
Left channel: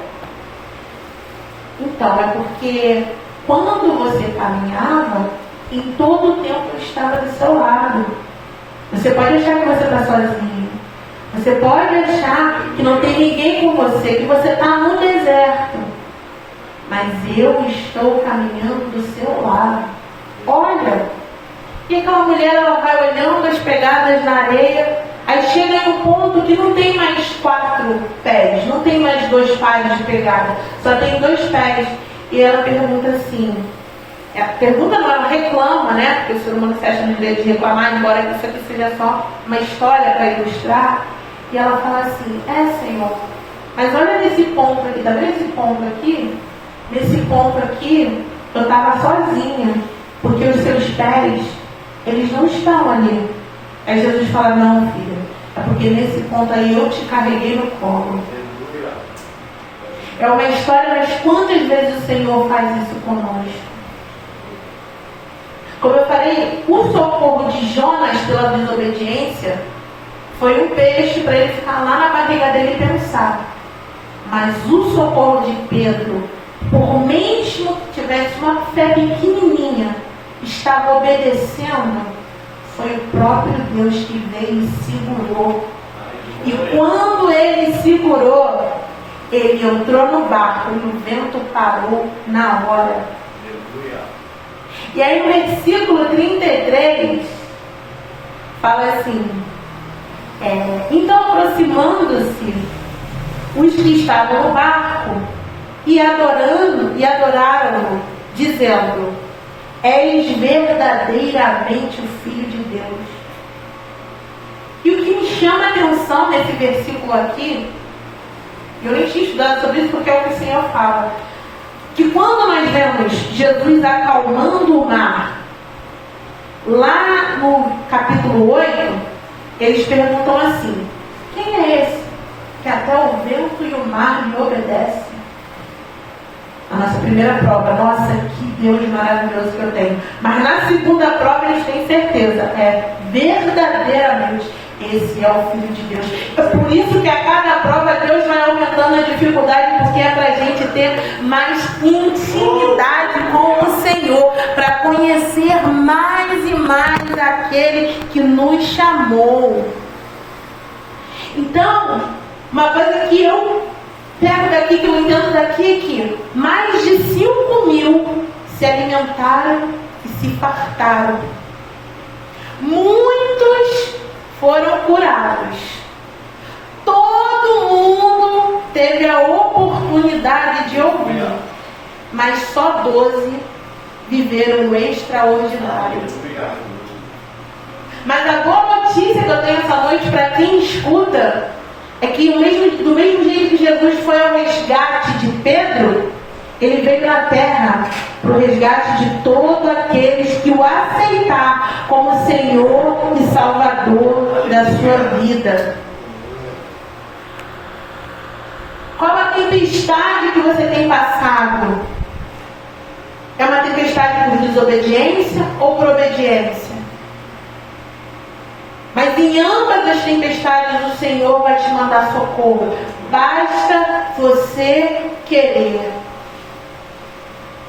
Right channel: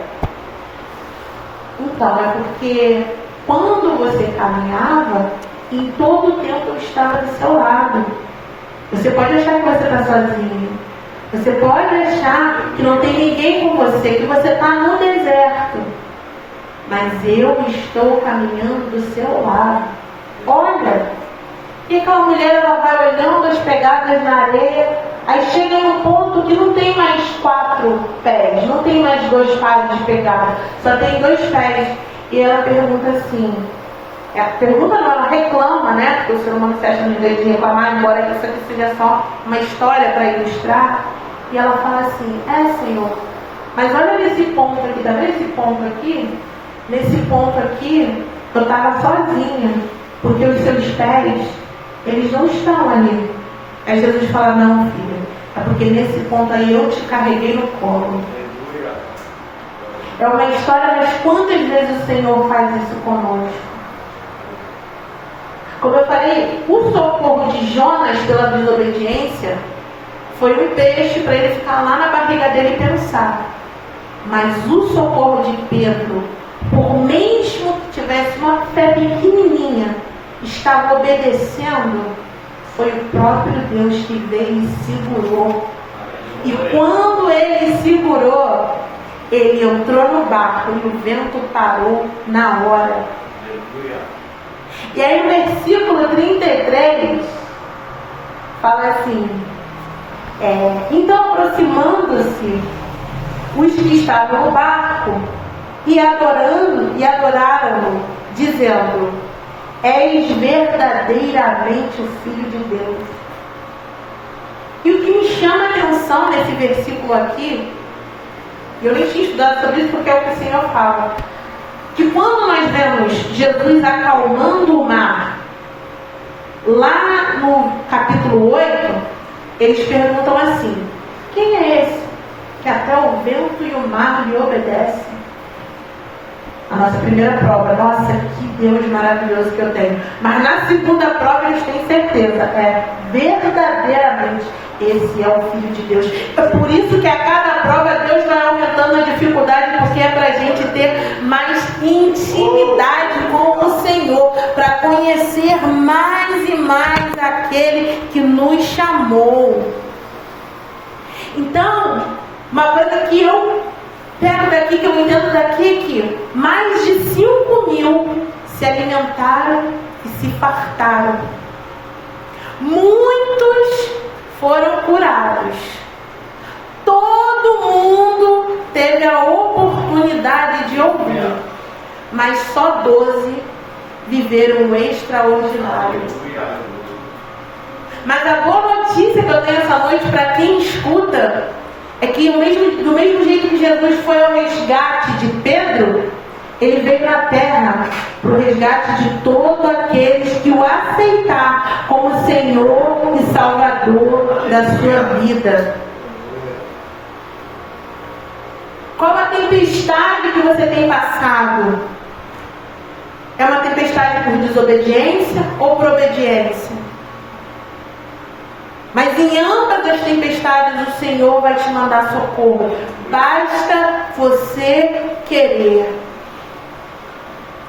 Então, é porque quando você caminhava, em todo o tempo eu estava do seu lado. Você pode achar que você está sozinho. Você pode achar que não tem ninguém com você, que você está no deserto. Mas eu estou caminhando do seu lado. Olha. E aquela mulher, ela vai olhando as pegadas na areia. Aí chega em um ponto que não tem mais 4 pés, não tem mais 2 pares de pegada, só tem 2 pés. E ela pergunta assim, pergunta não, ela reclama, né? Porque o ser humano se acha no direito de reclamar, embora isso aqui seja só uma história para ilustrar. E ela fala assim, Senhor, mas olha nesse ponto aqui, tá vendo esse ponto aqui? Nesse ponto aqui, eu estava sozinha, porque os seus pés, eles não estão ali. Aí Jesus fala, não, filho, é porque nesse ponto aí eu te carreguei no colo. É uma história, mas quantas vezes o Senhor faz isso conosco? Como eu falei, o socorro de Jonas pela desobediência foi um peixe para ele ficar lá na barriga dele e pensar. Mas o socorro de Pedro, por mesmo que tivesse uma fé pequenininha, estava obedecendo, foi o próprio Deus que veio e segurou. E quando ele segurou, ele entrou no barco e o vento parou na hora. E aí no versículo 33 fala assim, então aproximando-se os que estavam no barco e adoraram-no, dizendo, és verdadeiramente o Filho de Deus. E o que me chama a atenção nesse versículo aqui, eu não tinha estudado sobre isso porque é o que o Senhor fala, que quando nós vemos Jesus acalmando o mar, lá no capítulo 8, eles perguntam assim, quem é esse que até o vento e o mar lhe obedecem? A nossa primeira prova, nossa, que Deus maravilhoso que eu tenho. Mas na segunda prova eles têm certeza, verdadeiramente, esse é o Filho de Deus. É por isso que a cada prova Deus vai aumentando a dificuldade, porque é para a gente ter mais intimidade com o Senhor, para conhecer mais e mais aquele que nos chamou. Então, uma coisa que eu pego daqui, que eu entendo daqui, que mais de 5.000 se alimentaram e se fartaram. Muitos foram curados. Todo mundo teve a oportunidade de ouvir, mas só 12 viveram o extraordinário. Mas a boa notícia que eu tenho essa noite para quem escuta é que do mesmo jeito que Jesus foi ao resgate de Pedro, ele veio à terra para o resgate de todos aqueles que o aceitar como Senhor e Salvador da sua vida. Qual a tempestade que você tem passado? É uma tempestade por desobediência ou por obediência? Mas em ambas as tempestades o Senhor vai te mandar socorro. Basta você querer.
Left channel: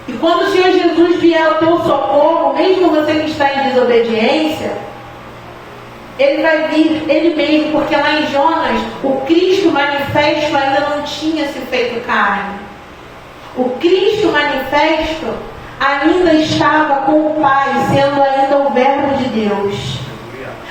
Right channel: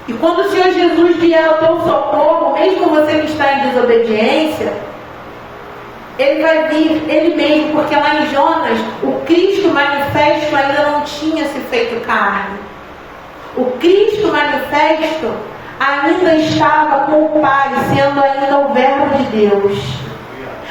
E quando o Senhor Jesus vier ao teu socorro, mesmo você que está em desobediência, Ele vai vir ele mesmo, porque lá em Jonas, o Cristo manifesto ainda não tinha se feito carne. O Cristo manifesto ainda estava com o Pai, sendo ainda o Verbo de Deus.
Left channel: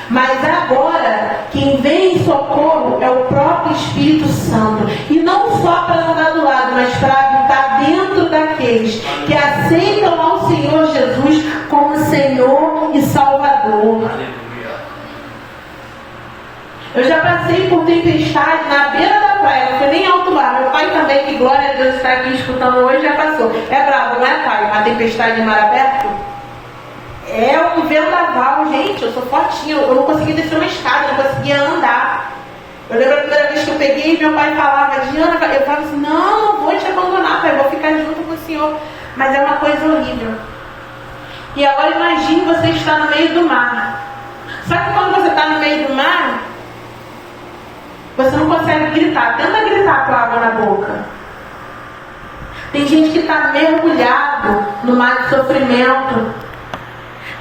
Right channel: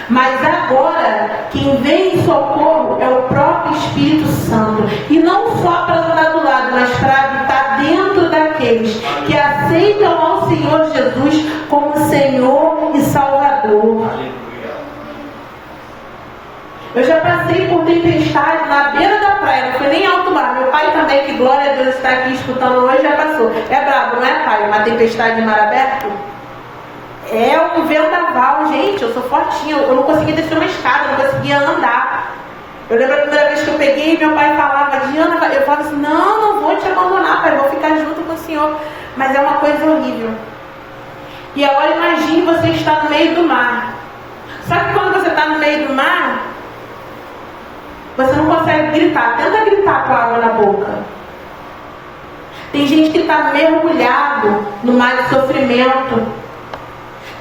Mas agora, quem vem em socorro é o próprio Espírito Santo. E não só para andar do lado, mas para habitar dentro daqueles que aceitam ao Senhor Jesus como Senhor e Salvador. Eu já passei por tempestade na beira da praia, não foi nem alto mar. Meu pai também, que glória a Deus está aqui escutando hoje, já passou. É brabo, não é, pai? Uma tempestade em mar aberto? É um vendaval, gente. Eu sou fortinha, eu não conseguia descer uma escada, eu não conseguia andar. Eu lembro a primeira vez que eu peguei, meu pai falava, Diana, eu falava assim, não vou te abandonar, pai, vou ficar junto com o Senhor. Mas é uma coisa horrível. E agora imagine você estar no meio do mar. Só que quando você está no meio do mar, você não consegue gritar. Tenta gritar com água na boca. Tem gente que está mergulhado no mar de sofrimento.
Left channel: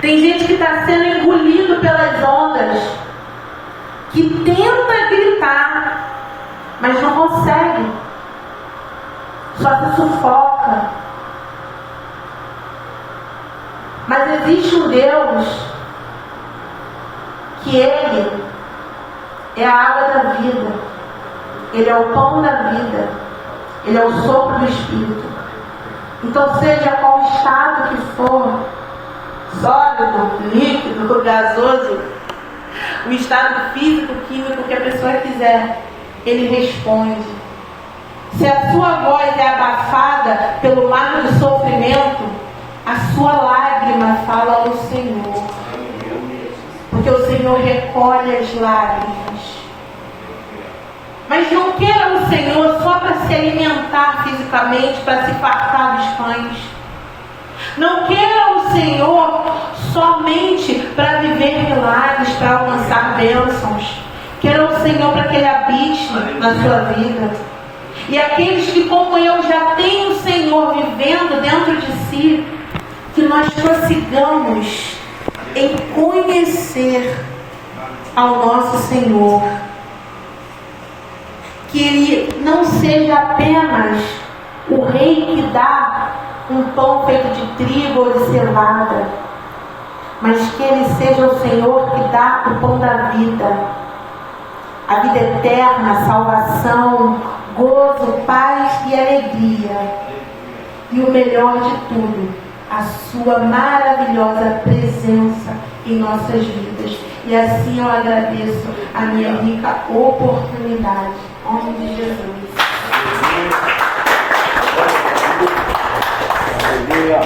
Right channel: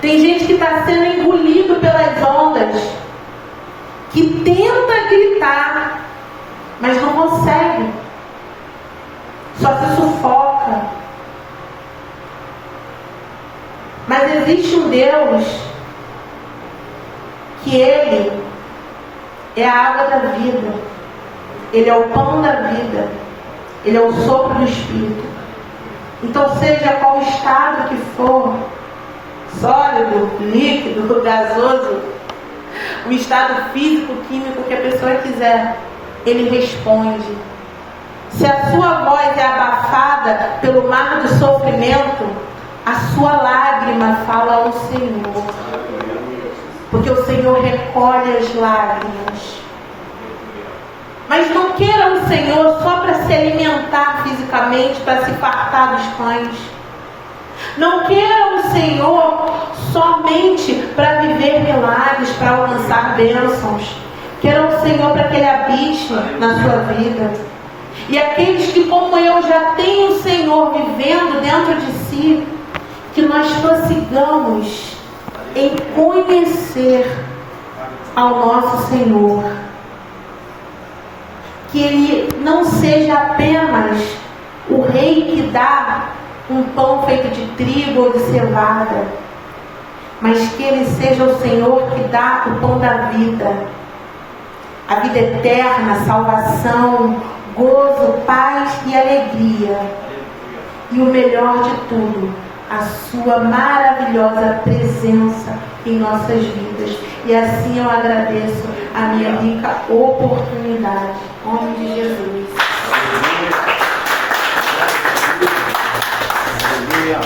Tem gente que está sendo engolido pelas ondas, que tenta gritar, mas não consegue. Só se sufoca. Mas existe um Deus que Ele é a água da vida. Ele é o pão da vida. Ele é o sopro do Espírito. Então, seja qual o estado que for, sólido, líquido, gasoso, o estado físico, químico que a pessoa quiser, Ele responde. Se a sua voz é abafada pelo mar de sofrimento, a sua lágrima fala ao Senhor. Porque o Senhor recolhe as lágrimas. Mas não queira o Senhor só para se alimentar fisicamente, para se fartar dos pães. Não queira o Senhor somente para viver milagres, para alcançar bênçãos. Queira o Senhor para que Ele habite na sua vida. E aqueles que, como eu, já têm o Senhor vivendo dentro de si, que nós prossigamos em conhecer ao nosso Senhor. Que Ele não seja apenas o Rei que dá um pão feito de trigo ou de cevada, mas que Ele seja o Senhor que dá o pão da vida, a vida eterna, a salvação, gozo, paz e alegria. E o melhor de tudo, a sua maravilhosa presença em nossas vidas. E assim eu agradeço a minha rica oportunidade. Em nome de Jesus. Aleluia.